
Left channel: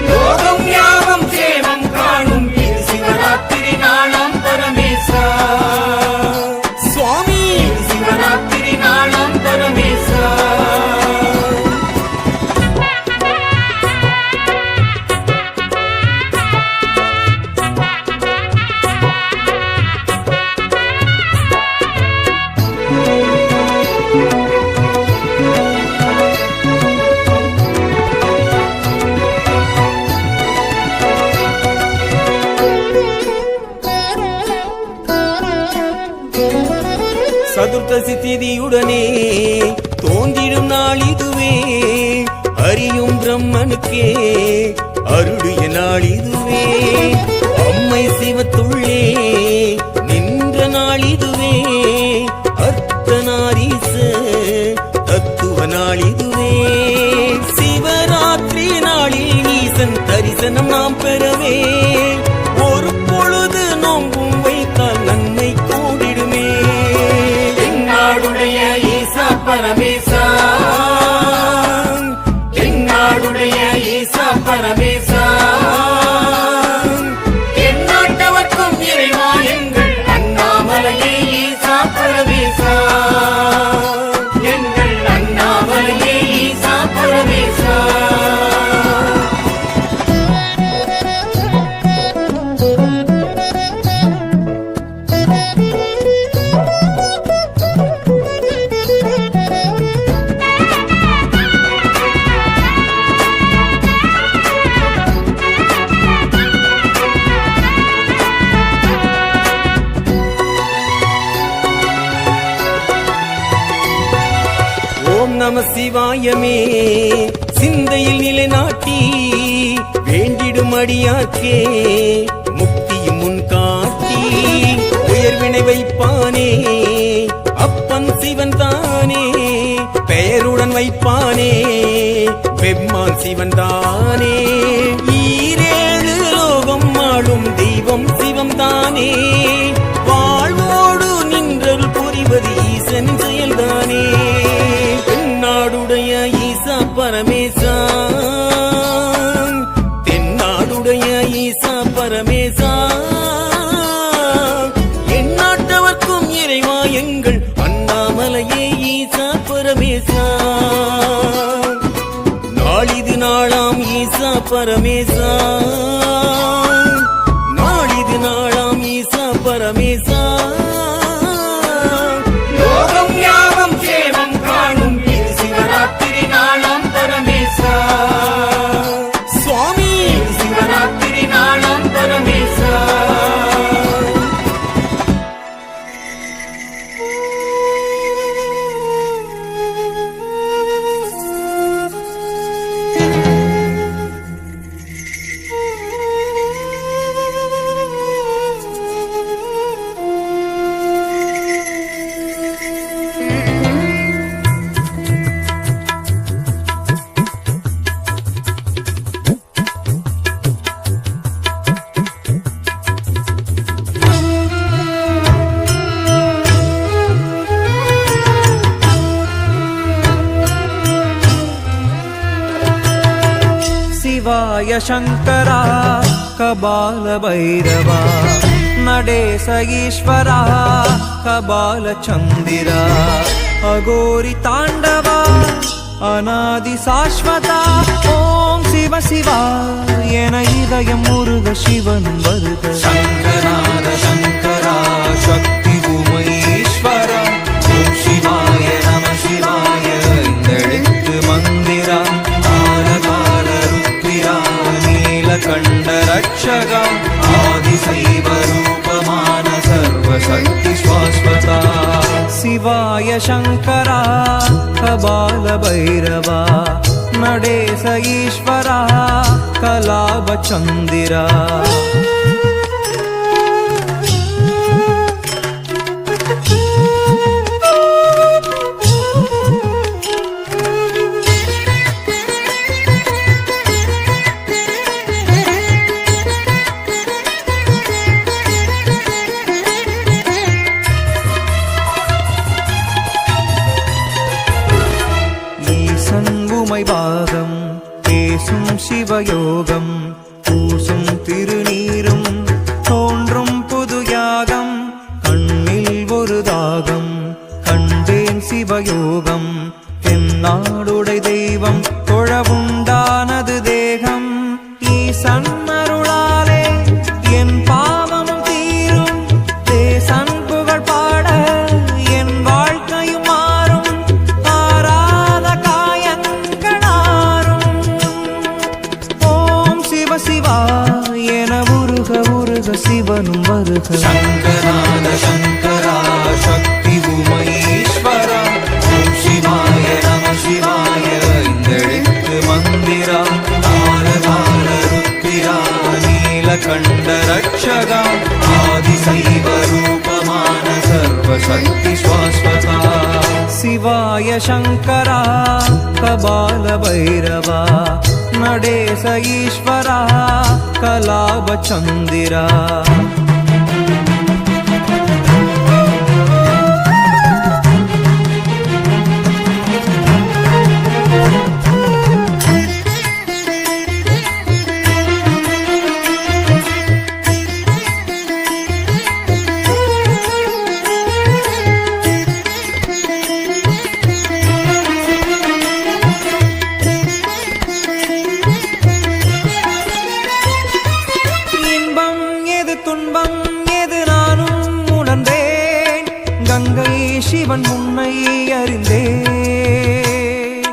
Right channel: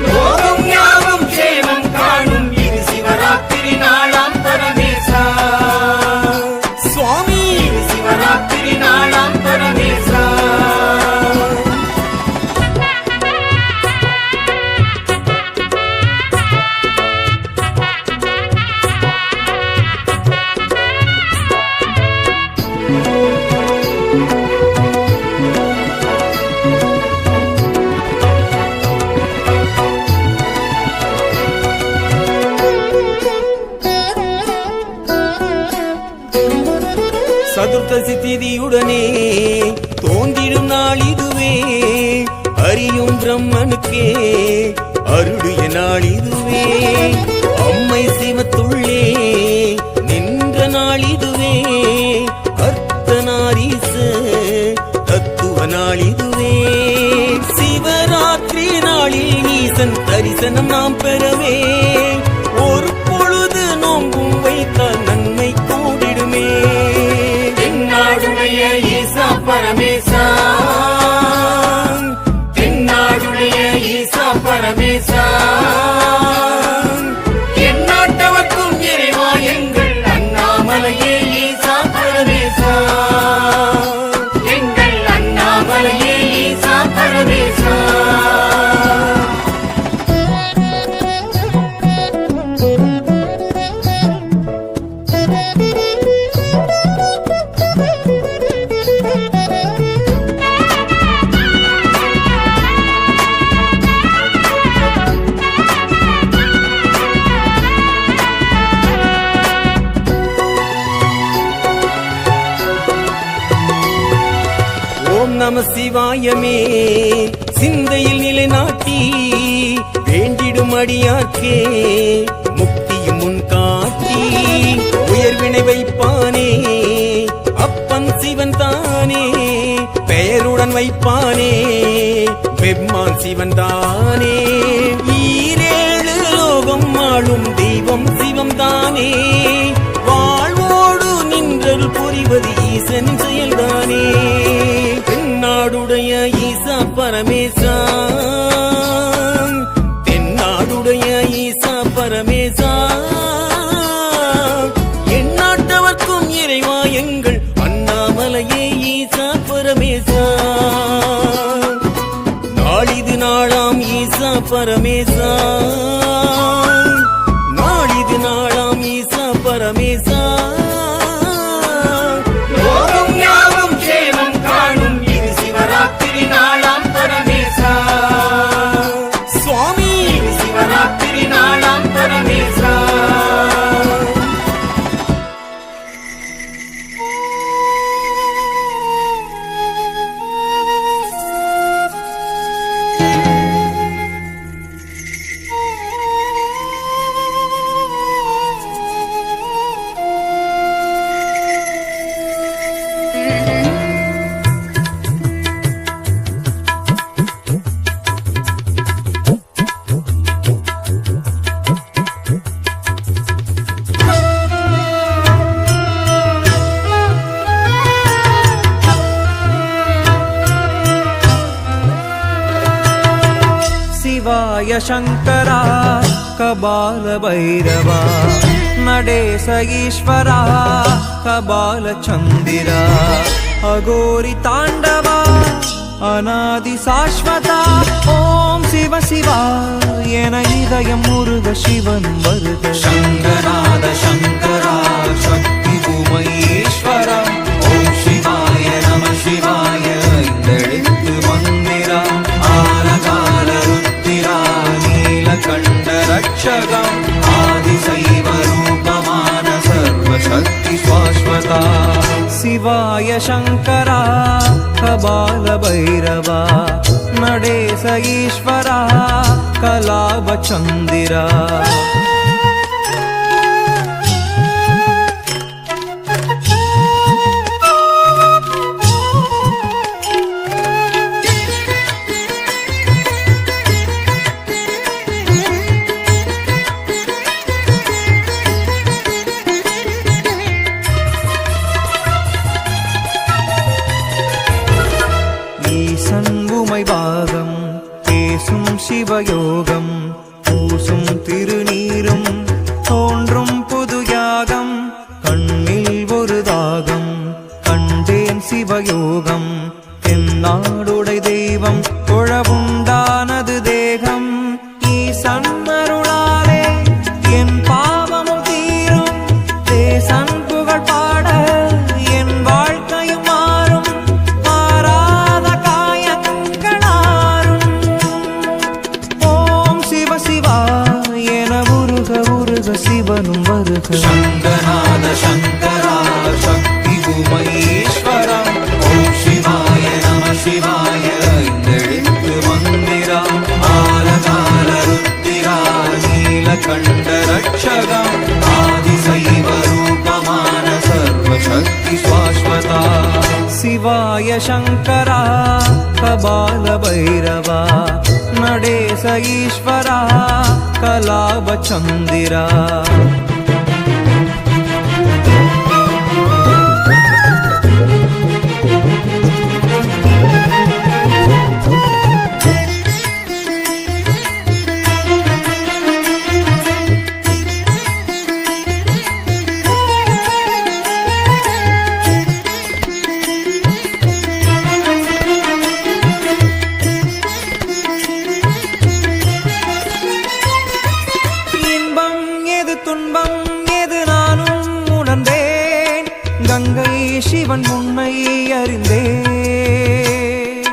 யோகம் யாவும் சேவம் காணும் இது சிவராத்திரி நாளாம் பரமேசா சுவாமி இது சிவராத்திரி நாளாம் பரமேசா சதுர்த்தசி திதியுடனே தோன்றிடும் நாள் இதுவே அறியும் பிரம்மனுக்கே அருளிய நாள் இதுவே அம்மை சிவத்துள்ளே நின்ற நாள் இதுவே அர்த்தநாரீச தத்துவ நாள் இதுவே சிவராத்திரி நாளில் ஈசன் தரிசனம் நாம் பெறவே ஒரு பொழுது நோம்பும் வைத்தால் நன்மை கூடிடுமே தென்னாடுடைய ஈசா பரமேசா தென்னாடுடைய ஈசா பரமேசா எந்நாட்டவர்க்கும் இறைவா எங்கள் அண்ணாமலையே ஈசா பரமேசா எங்கள் அண்ணாமலையே ஈசா பரமேசா ஓம் நம சிவாயமே சிந்தையில் நிலைநாட்டி வேண்டிடும் அடியார்க்கே முக்தியும் முன் காட்டி உயர்வினை வைப்பானே அப்பன் சிவன் தானே பெயருடன் வைப்பானே பெம்மான் சிவன் தானே ஈரேழு லோகம் ஆளும் தெய்வம் சிவம் தானே வாழ்வோடு நின்றல் புரிவ காப்பது ஈசனின் செயல்தானே. தென்னாடுடைய ஈசா பரமேசா, தென்னாடுடைய ஈசா பரமேசா, எந்நாட்டவர்க்கும் இறைவா எங்கள் அண்ணாமலையே ஈசா பரமேசா. நாளிது நாளாம் ஈசா பரமேசா, நாளிது நாளாம் ஈசா பரமேசா. யோகம் யாவும் சேவம் காணும் இது சிவராத்திரி நாளாம் பரமேசா. சுவாமி இது சிவராத்திரி நாளாம் பரமேசா. शिवाय शङ्करा कबालभैरवा नडेश ईश्वरा कबालचन्दिरा अघोरि ताण्डवा अनादि शाश्वता. ओम शिव शिवा एन இதயம் முருக சிவன் வருக. शङ्करार शङ्करा शक्ति उमैश्वरा. ओम शिवाय नमः शिवाय इंदெழுத்து மந்திரா. नीलकण्ठ रक्षकम् आदिशैव रूपमान सर्वशक्ति शाश्वता. शिवाय शङ्करा कबालभैरवा नडेश ईश्वरा कलावचन्दिरा. சண்புமை பாகம் பேசும் சிவயோகம் பூசும் திருநீரும் தோன்றும் புது யாகம். கண்ணில் ஒரு தாகம் கண்டேன் சிவயோகம். தென்னாடுடை தெய்வம் தொழவுண்டானது தேகம். ஈசன் அருளாலே என் பாவமும் தீரும். தேசன் புகழ் பாட என் வாழ்க்கையும் மாறும். சிவா என உருக உருக சிவனும் வருக. சங்கரான சங்கரா சக்தி உமேஸ்வரா. ஓம் சிவாய நம சிவாய இந்தெழுத்து மந்திரா. ஆலகால ருத்திரா நீலகண்ட ரட்சகா. ஆதிசைவ ரூபமான சர்வசக்தி சாஸ்வதா. शिवाय शङ्करा कबालभैरवा नडेश ईश्वरा कलावचन्दिरा. துன்பம் எது நானும் உணர்ந்தேன். கங்கை சிவன் முன்னை அறிந்தேன்.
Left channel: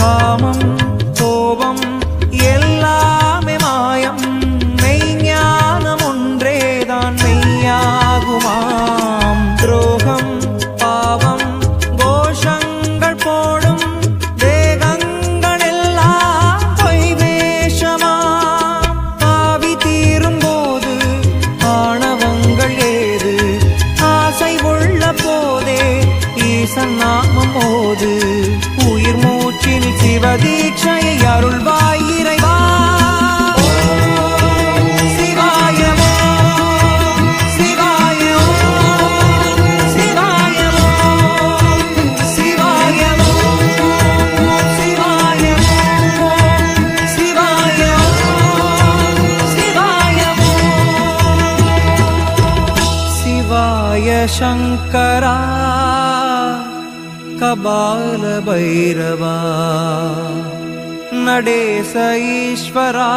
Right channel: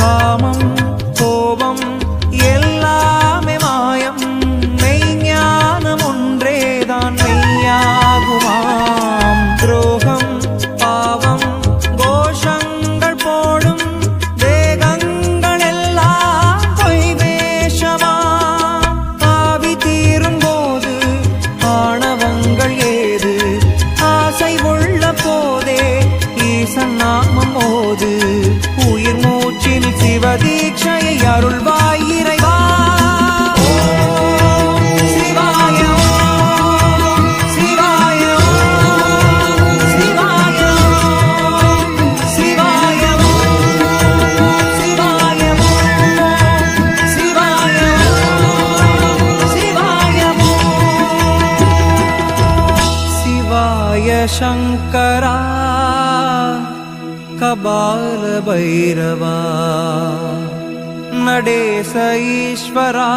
காமம் கோபம் எல்லாமே மாயம். மெய்ஞானம் ஒன்றேதான் மெய்யாகுமாம். துரோகம் பாவம் கோஷங்கள் போடும் தேகங்கள் எல்லாம் பொய் வேஷமா. ஆவி தீரும் போது ஆணவங்கள் ஏது. ஆசை உள்ள போதே ஈசன் நாமம் மோது. உயிர் மூச்சில் சிவதீட்சையை அருள்வாய் இறைவா. சிவாய சிவாய சிவாய शङ्करा कबाल भैरवा नडेश ईश्वरा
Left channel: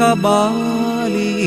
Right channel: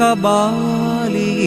कबालीश्वरा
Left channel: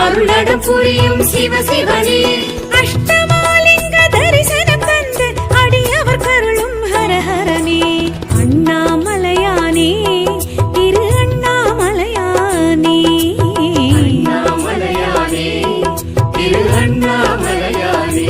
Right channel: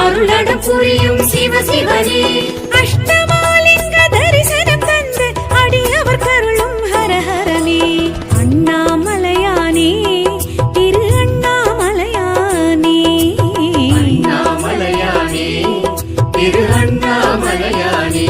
அருளடம் புரியும் சிவ சிவனே அஷ்டமாலிங்க தரிசனம் தந்து அடியவர் கருளும் ஹரஹரனே அண்ணாமலையானே திரு அண்ணாமலையானே அண்ணாமலையானே திரு அண்ணாமலையானே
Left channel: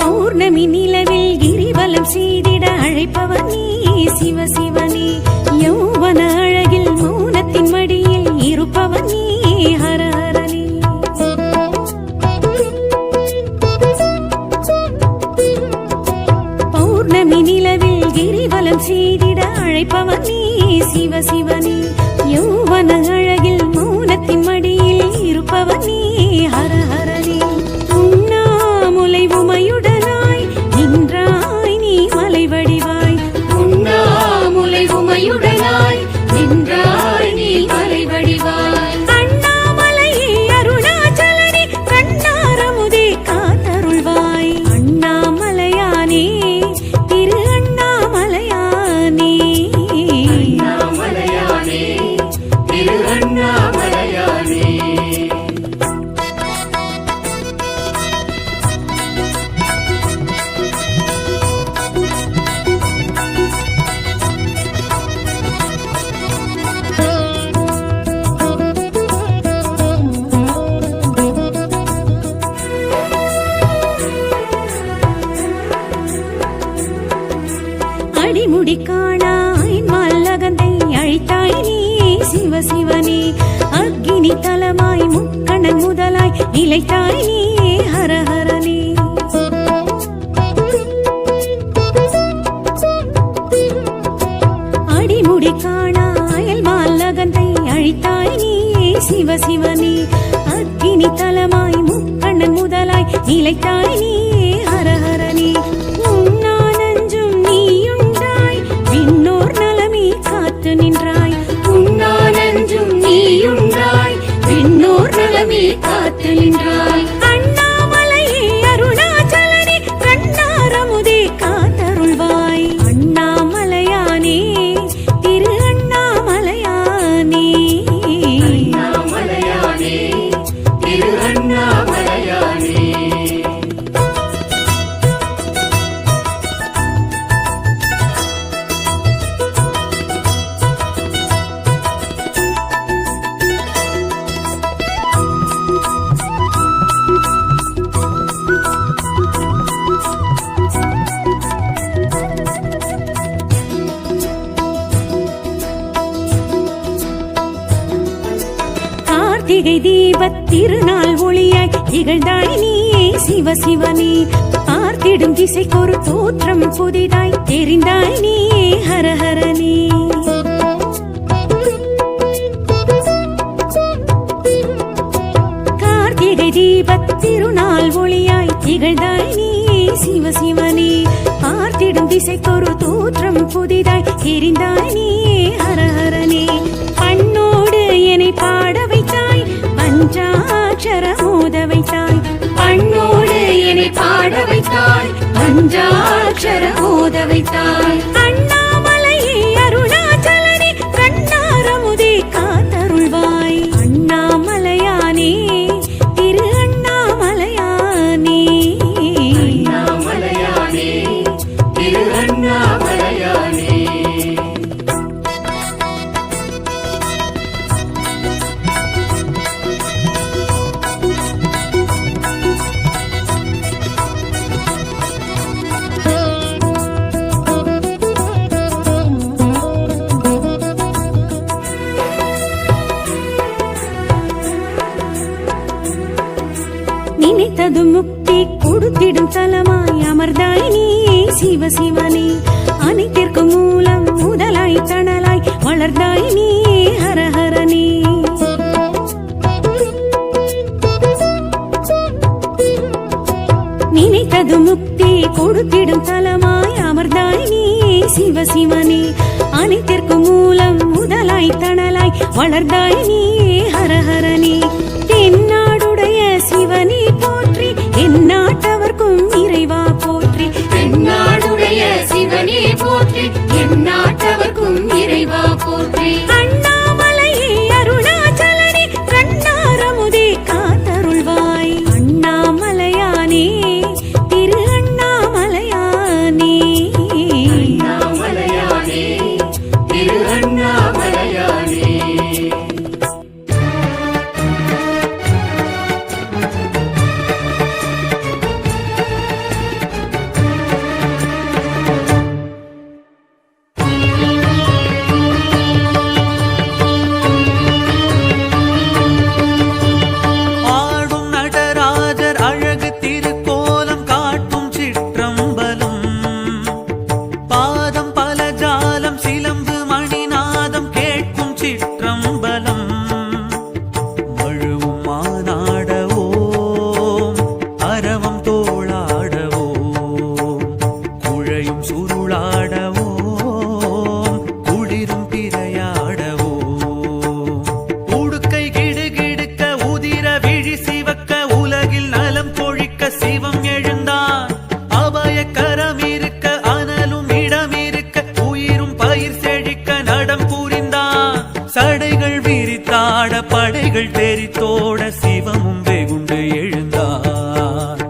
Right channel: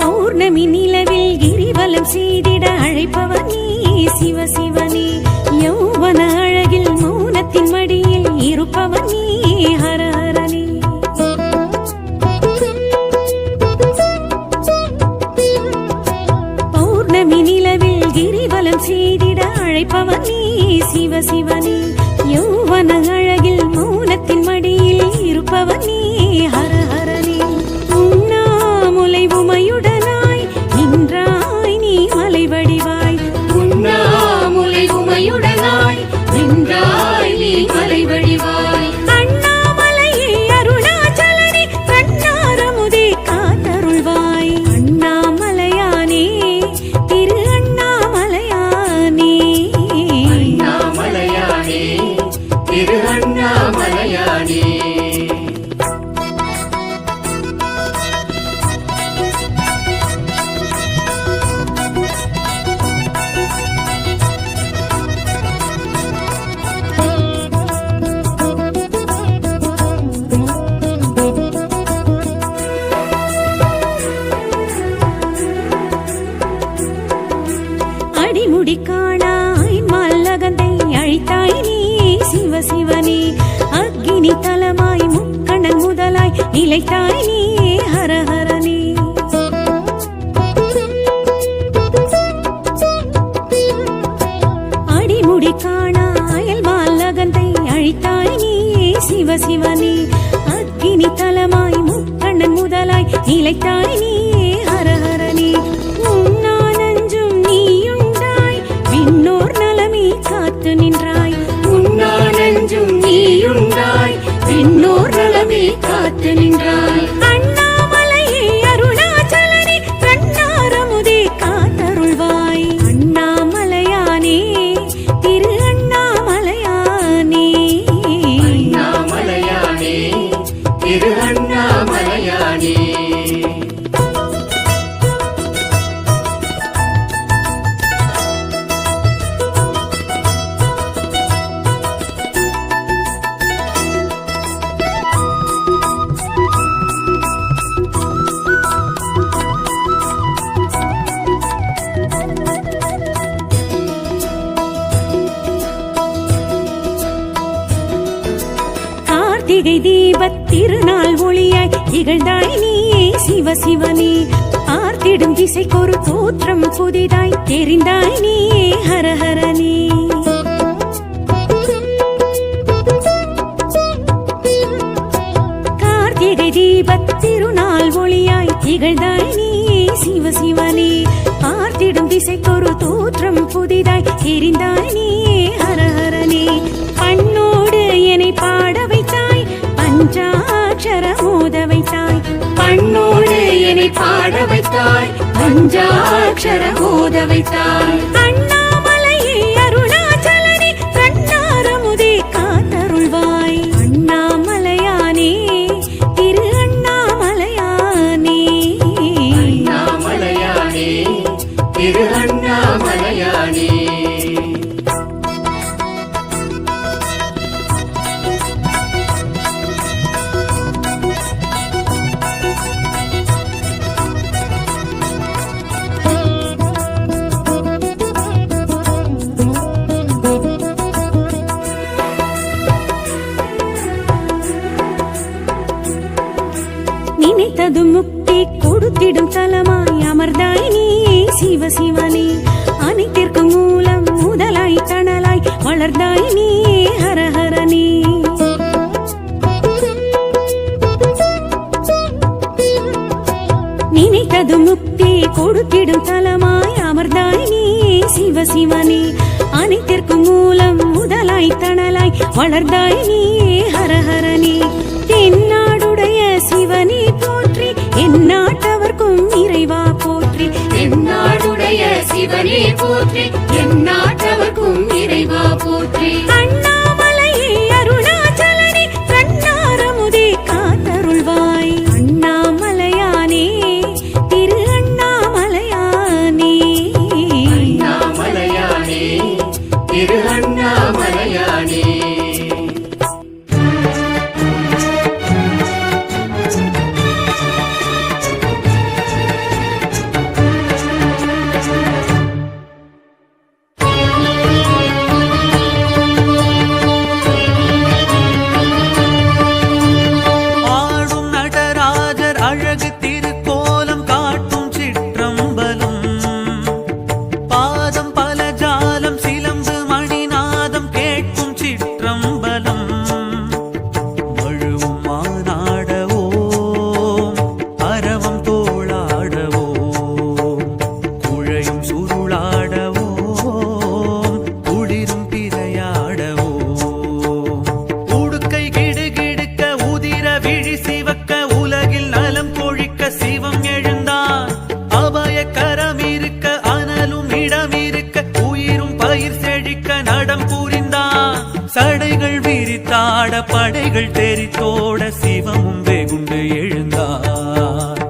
பௌர்ணமி நிலவில் கிரிவலம் செய்திட அழைப்பவர் நீ சிவ சிவனே யௌவன அழகில் மௌனத்தின் மடியில் இருப்பவர் நீ ஹரஹரனே பௌர்ணமி நிலவில் கிரிவலம் செய்திட அழைப்பவர் நீ சிவ சிவனே யௌவன அழகில் மௌனத்தின் மடியில் இருப்பவர் நீ ஹரஹரனே உண்ணாமுலை உமையுடனாய் நின்றாய் நீ மலை வடிவாய் உண்ணாமுலை உமையுடனாய் நின்றாய் நீ மலை வடிவாய் அண்ணாமலையே அருணாச்சலனே கண்ணாரமுதே காத்தருள்வாய் அண்ணாமலையானே திரு அண்ணாமலையானே அண்ணாமலையானே திரு அண்ணாமலையானே அடிமுடி காணாய் மல்லகந்தை அழைத்தாய் நீ சிவ சிவனே அக்கினி தலமாய் முக்கணன் முதலாய் நிலைத்தாய் நீ ஹரஹரனே அடிமுடி காணாயல் மல்லகந்தை அழைத்தாய் நீ சிவ சிவனே அக்கினி தலமாய் முக்கண்ணன் முதலாய் நிலைத்தாய் நீ ஹரஹரனே உண்ணானஞ்சும் நீயுண்டாய் விண்ணோர் நலமே காத்து நின்றாய் உண்ணானஞ்சும் நீயுண்டாய் விண்ணோர் நலமே காத்து நின்றாய் அண்ணாமலையே அருணாச்சலனே கண்ணாரமுதே காத்தருள்வாய் அண்ணாமலையானே திரு அண்ணாமலையானே அண்ணாமலையானே திரு அண்ணாமலையானே கார்த்திகை தீபத் திருநாள் ஒளியாய் திகழ்ந்தாய் நீ சிவ சிவனே பார்த்திடும் திசைக்கொரு தோற்றம் புதிதாய் தெரிந்தாய் நீ ஹரஹரனே கார்த்திகை தீபத் திருநாள் ஒளியாய் திகழ்ந்தாய் நீ சிவசிவனே பார்த்திடும் திசைக்கொரு தோற்றம் புதிதாய் தெரிந்தாய் நீ ஹரஹரனே பண்ணோடு என்னை பாட வைத்தாய் பஞ்சாட்சர மோத வைத்தாய் பண்ணோடு என்னை பாட வைத்தாய் பஞ்சாட்சர மோத வைத்தாய் அண்ணாமலையே அருணாச்சலனே கண்ணாரமுதே காத்தருள்வாய் அண்ணாமலையானே திரு அண்ணாமலையானே அண்ணாமலையானே திரு அண்ணாமலையானே நினைத்தது முக்தி கொடுத்திடும் தலமாய் அமர்ந்தாய் நீ சிவசிவனே அனைத்திற்கு மூலம் முதலாய் தணலாய் வளர்ந்தாய் நீ ஹரஹரனே நினைத்தது முக்தி கொடுத்திடும் தலமாய் அமர்ந்தாய் நீ சிவசிவனே அனைத்திற்கு மூலம் முதலாய் தணலாய் வளர்ந்தாய் நீ ஹரஹரனே தென்னாடுடைய சிவனே போற்றி எந்நாட்டவர்க்கும் இறைவா போற்றி தென்னாடுடைய சிவனே போற்றி எந்நாட்டவர்க்கும் இறைவா போற்றி அண்ணாமலையே அருணாச்சலனே கண்ணாரமுதே காத்தருள்வாய் அண்ணாமலையானே திரு அண்ணாமலையானே அண்ணாமலையானே திரு அண்ணாமலையானே ஆடும் நடராஜர் அழகு திருக்கோலம் காட்டும் சிற்றம்பலம் பாதம் பல ஜாலம் சிலம்பு மணிநாதம் கேட்கும் சிற்றம்பலம் மழுவும் மானாடவோம் அரவம் தோளாடவோம் குழையும் சுருளாடவோம் குளிரும் பிறையாடவோம் உடுக்கை கிடுகிடுக்க உதிர விழி சிவக்க உலகில் நலம் கொழிக்க சிவம் எழுந்தான் அபய கரம் இருக்க அனலும் இடம் இருக்க உயிரும் பயிர் செழிக்க நடம் புரிந்தான் சடைகள் விரித்தாட படைகள் தெரித்தோட சிவமும் வெகுண்டு எழுந்தான்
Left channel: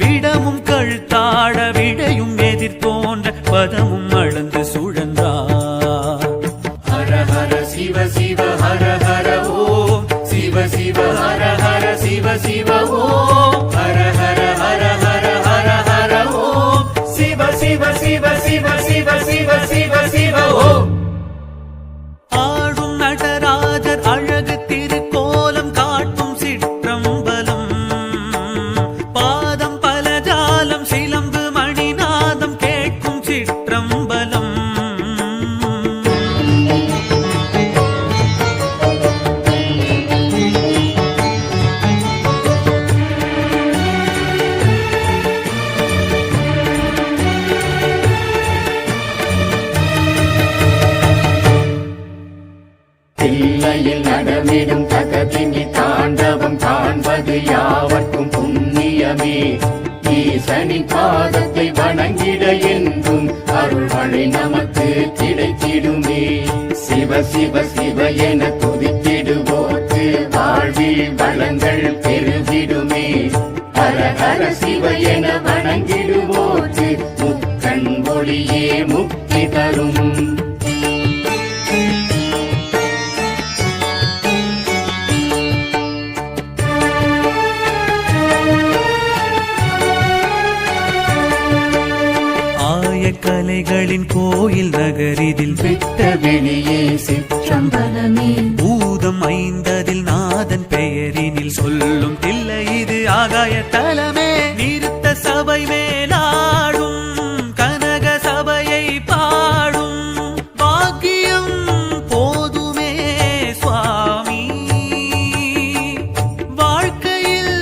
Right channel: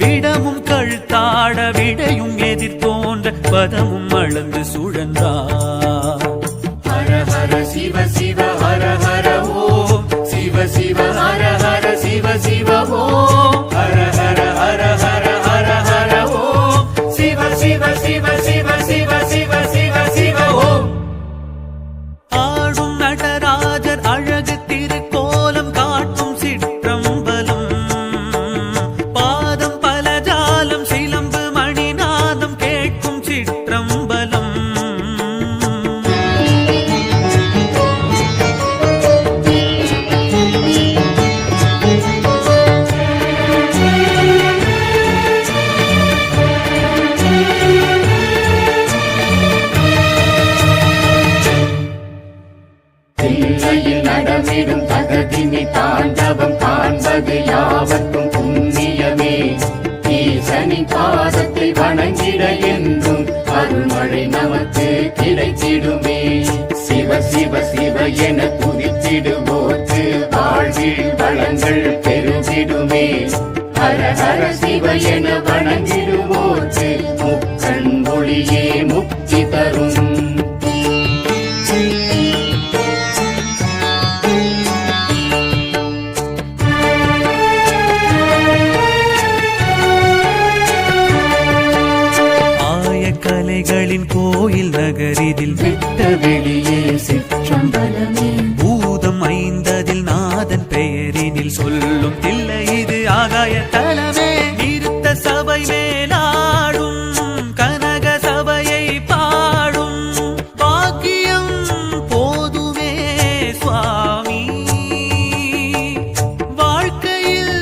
விடமும் கழுத்தாட விடையும் எதிர்த்தோன்ற பதமும் அளந்து சுழன்றான் ஹர ஹர சிவ சிவ ஹர ஹர ஓம் சிவ சிவ ஹர ஹர சிவ சிவ ஓம் ஹர ஹர ஹர ஹர ஹர ஹர ஓம் சிவ சிவ சிவ சிவ சிவ சிவ சிவ சிவ ஓம் ஆடும் நடராஜர் அழகு திருக்கோலம் காட்டும் சிற்றம்பலம் பாதம் பல ஜாலம் சிலம்பு மணிநாதம் கேட்கும் சிற்றம்பலம் தில்லையில் நடமிடும் தகதினி தாண்டவம் காண்பது யாவர்க்கும் புண்ணியமே ஈசனின் பாதத்தை வணங்கிட என்றும் அருள்மழை நமக்கு கிடைத்திடுமே சிவ சிவ சிவ என குறித்திடுவோர்க்கு வாழ்வில் வளங்கள் பெருகிடுமே ஹர ஹர சிவ என வணங்கிடுவோர்க்கு முக்கண் ஒளியே முக்தி தரும் கலைகளின் கோயில் நகரிதில் விட்ட வெளியே சிற்றம்பலமே பூதம் ஐந்ததில் நாதன் பெயரினில் சொல்லும் தில்லை இது ஆகாய தலமே நிறுத்த சபை மேலாடும் கனக சபையை பாடும் பாக்கியம் போதுமே சுவாமி வாழ்க்கையில்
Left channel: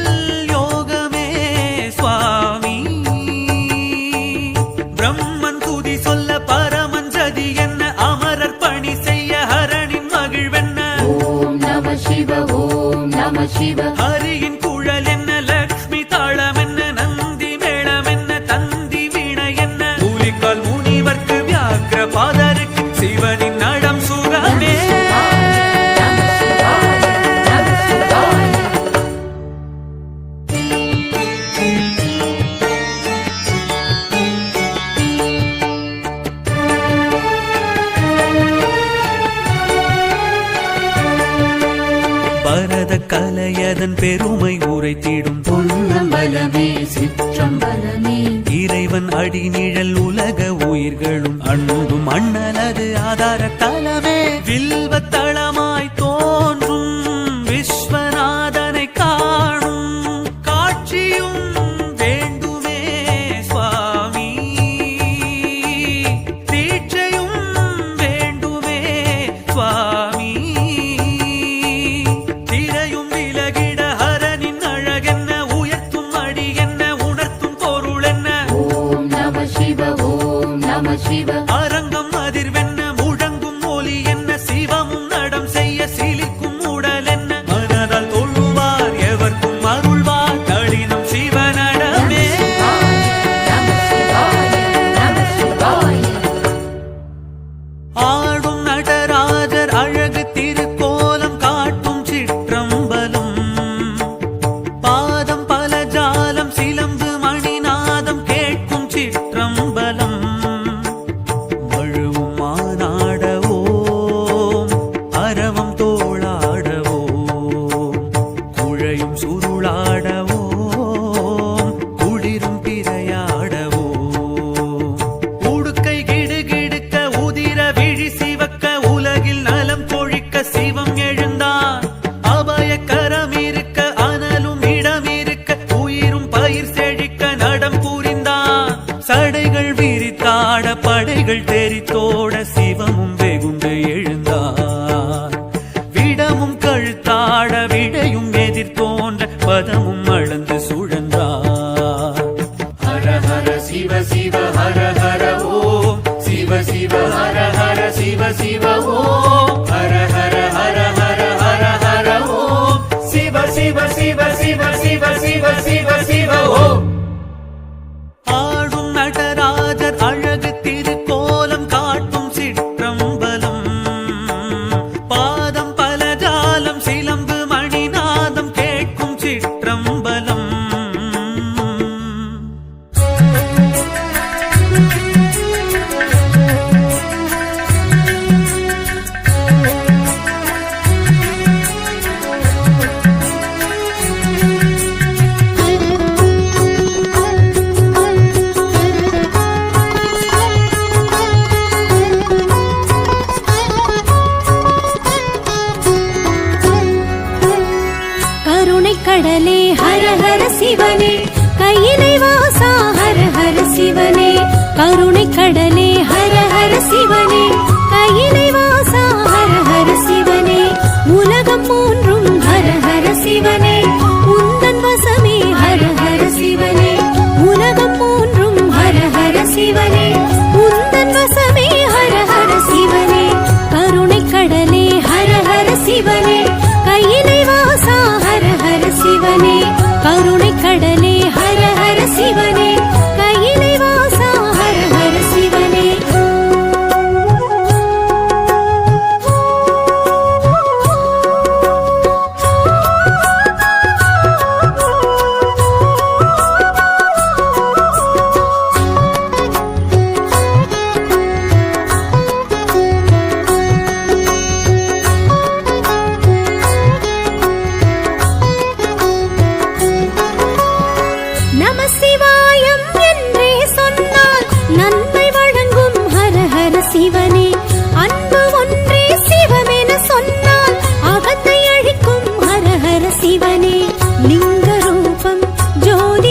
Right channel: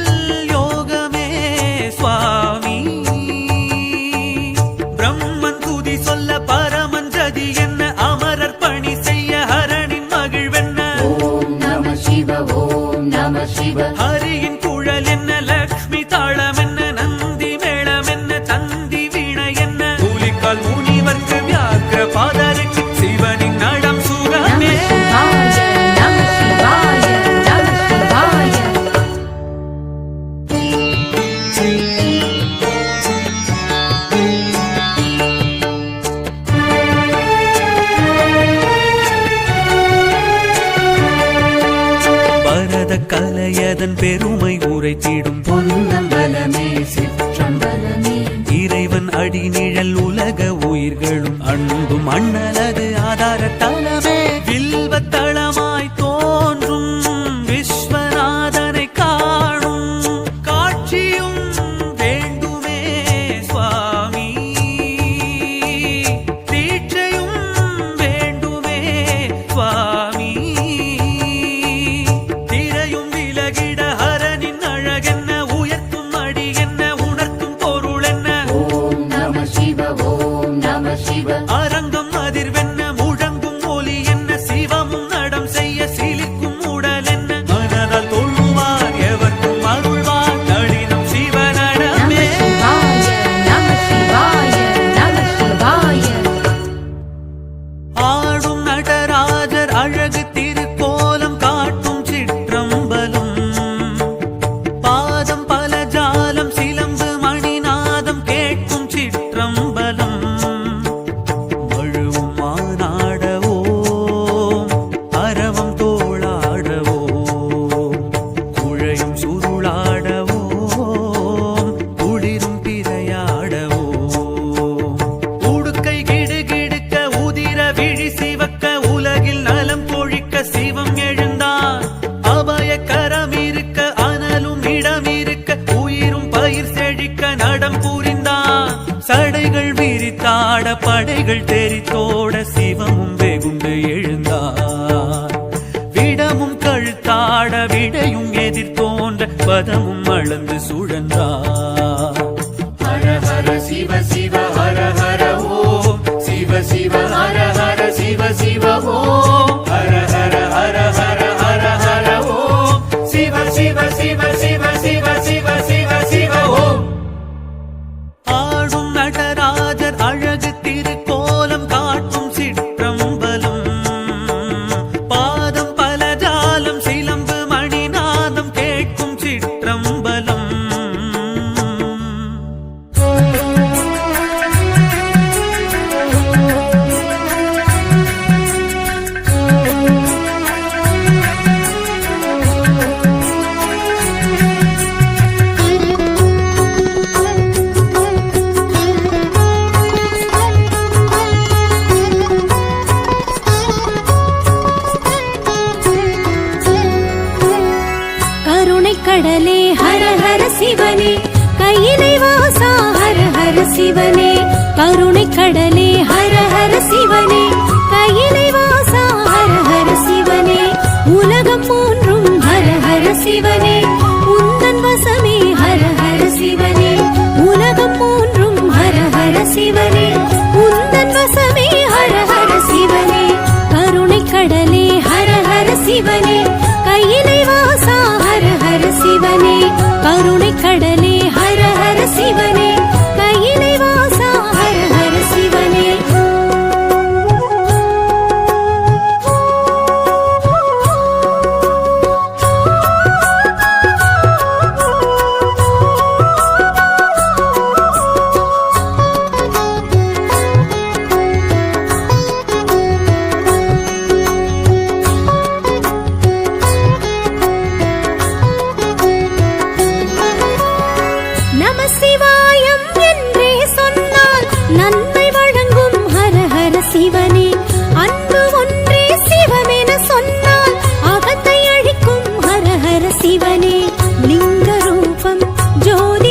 சிவ ஓம் நம சிவ ஹரியின் குழல் என்ன, லக்ஷ்மி தாளம் என்ன, நந்தி மேளம் என்ன, தந்தி வீணை என்ன, கூலிக்கால் முனிவர்க்கு வியாக்கிர பாதருக்கு சிவனின் நடம் சுகமே. பரத கலையதன் பெருமை உரைத்திடும் பொன்னம்பலமே சிற்றம்பலமே. இறைவன் அடிநிழல் உலக உயிர்களும் அன்பும் அண்ணலது ஆதார தலமே. வில்வத்தளமாய் தோன்றும் விஸ்வநாதனை காணும் காட்சியும் வேண்டுமே சுவாமி. தீட்சையும் வேண்டுமே சுவாமி. திரையும் விலகிட ஹரனின் அழகென்ன, உயர்த்தும் அடி என்ன, உணர்த்தும் பொருள் என்ன. ஓம் நம சிவ ஓம் நம சிவ அரங்கம் அதிர்வென்ன, முழங்கும் ஒலி என்ன, சிவமும் நடம் செய்ய சிலிர்க்கும் உடல் என்ன. மனதால் தொழுவார் எவர்க்கும் அருள்வார் நளினம் சிவனடமே. ஆடும் நடராஜர் அழகு திருக்கோலம் காட்டும் சிற்றம்பலம். பாதம் பல ஜாலம் சிலம்பு மணிநாதம் கேட்கும் சிற்றம்பலம். மழுவும் மானாடவோம் அரவம் தோளாடவோம், குழையும் சுருளாடவோம் குளிரும் பிறையாடவோம். உடுக்கை கிடுகிடுக்க உதிர விழி சிவக்க உலகில் நலம் கொழிக்க சிவம் எழுந்தான். அபய கரம் இருக்க அனலும் இடம் இருக்க உயிரும் பயிர் செழிக்க நடம் புரிந்தான். சடைகள் விரித்தாட படைகள் தெரித்தோட சிவமும் வெகுண்டு எழுந்தார். விடமும் கழுத்தாட விடையும் எதிர்த்தோன்ற பதமும் அளந்து சுழன்றார். ஹர ஹர சிவ சிவ ஹர ஹர ஓம், சிவ சிவ ஹர ஹர சிவ சிவ ஓம், ஹர ஹர ஹர ஹர ஹர ஹர ஓம், சிவ சிவ சிவ சிவ சிவ சிவ சிவ சிவ ஓம். ஆடும் நடராஜர் அழகு திருக்கோலம் காட்டும் சிற்றம்பலம். பாதம் பல ஜாலம் சிலம்பு மணிநாதம் கேட்கும் சிற்றம்பலம். கடலே ஹர ஹர சிவனே, கையிலை வாசா ஹர ஹர சிவனே. கருணை கடலே ஹர ஹர சிவனே, கையிலை வாசா ஹர ஹர சிவனே. உலகம் மூன்றும் ஹர ஹர சிவனே, உந்தன் வசமே ஹர ஹர சிவனே. உலகம் மூன்றும் ஹர ஹர சிவனே, உந்தன் வசமே ஹர ஹர சிவனே. கருணை கடலே ஹர ஹர சிவனே, கையிலை வாசா ஹர ஹர சிவனே. கருணை கடலே ஹர ஹர சிவனே, கையிலை வாசா ஹர ஹர சிவனே. நம சிவாயம் என்றே சொன்னால் நன்மை வழங்கும் ஹர ஹர சிவனே. அன்பு ஒன்றே சிவமென சொன்னால் அகத்தை அழிக்கும் ஹர ஹர சிவனே. லிங்க ரூபம் ஜோதி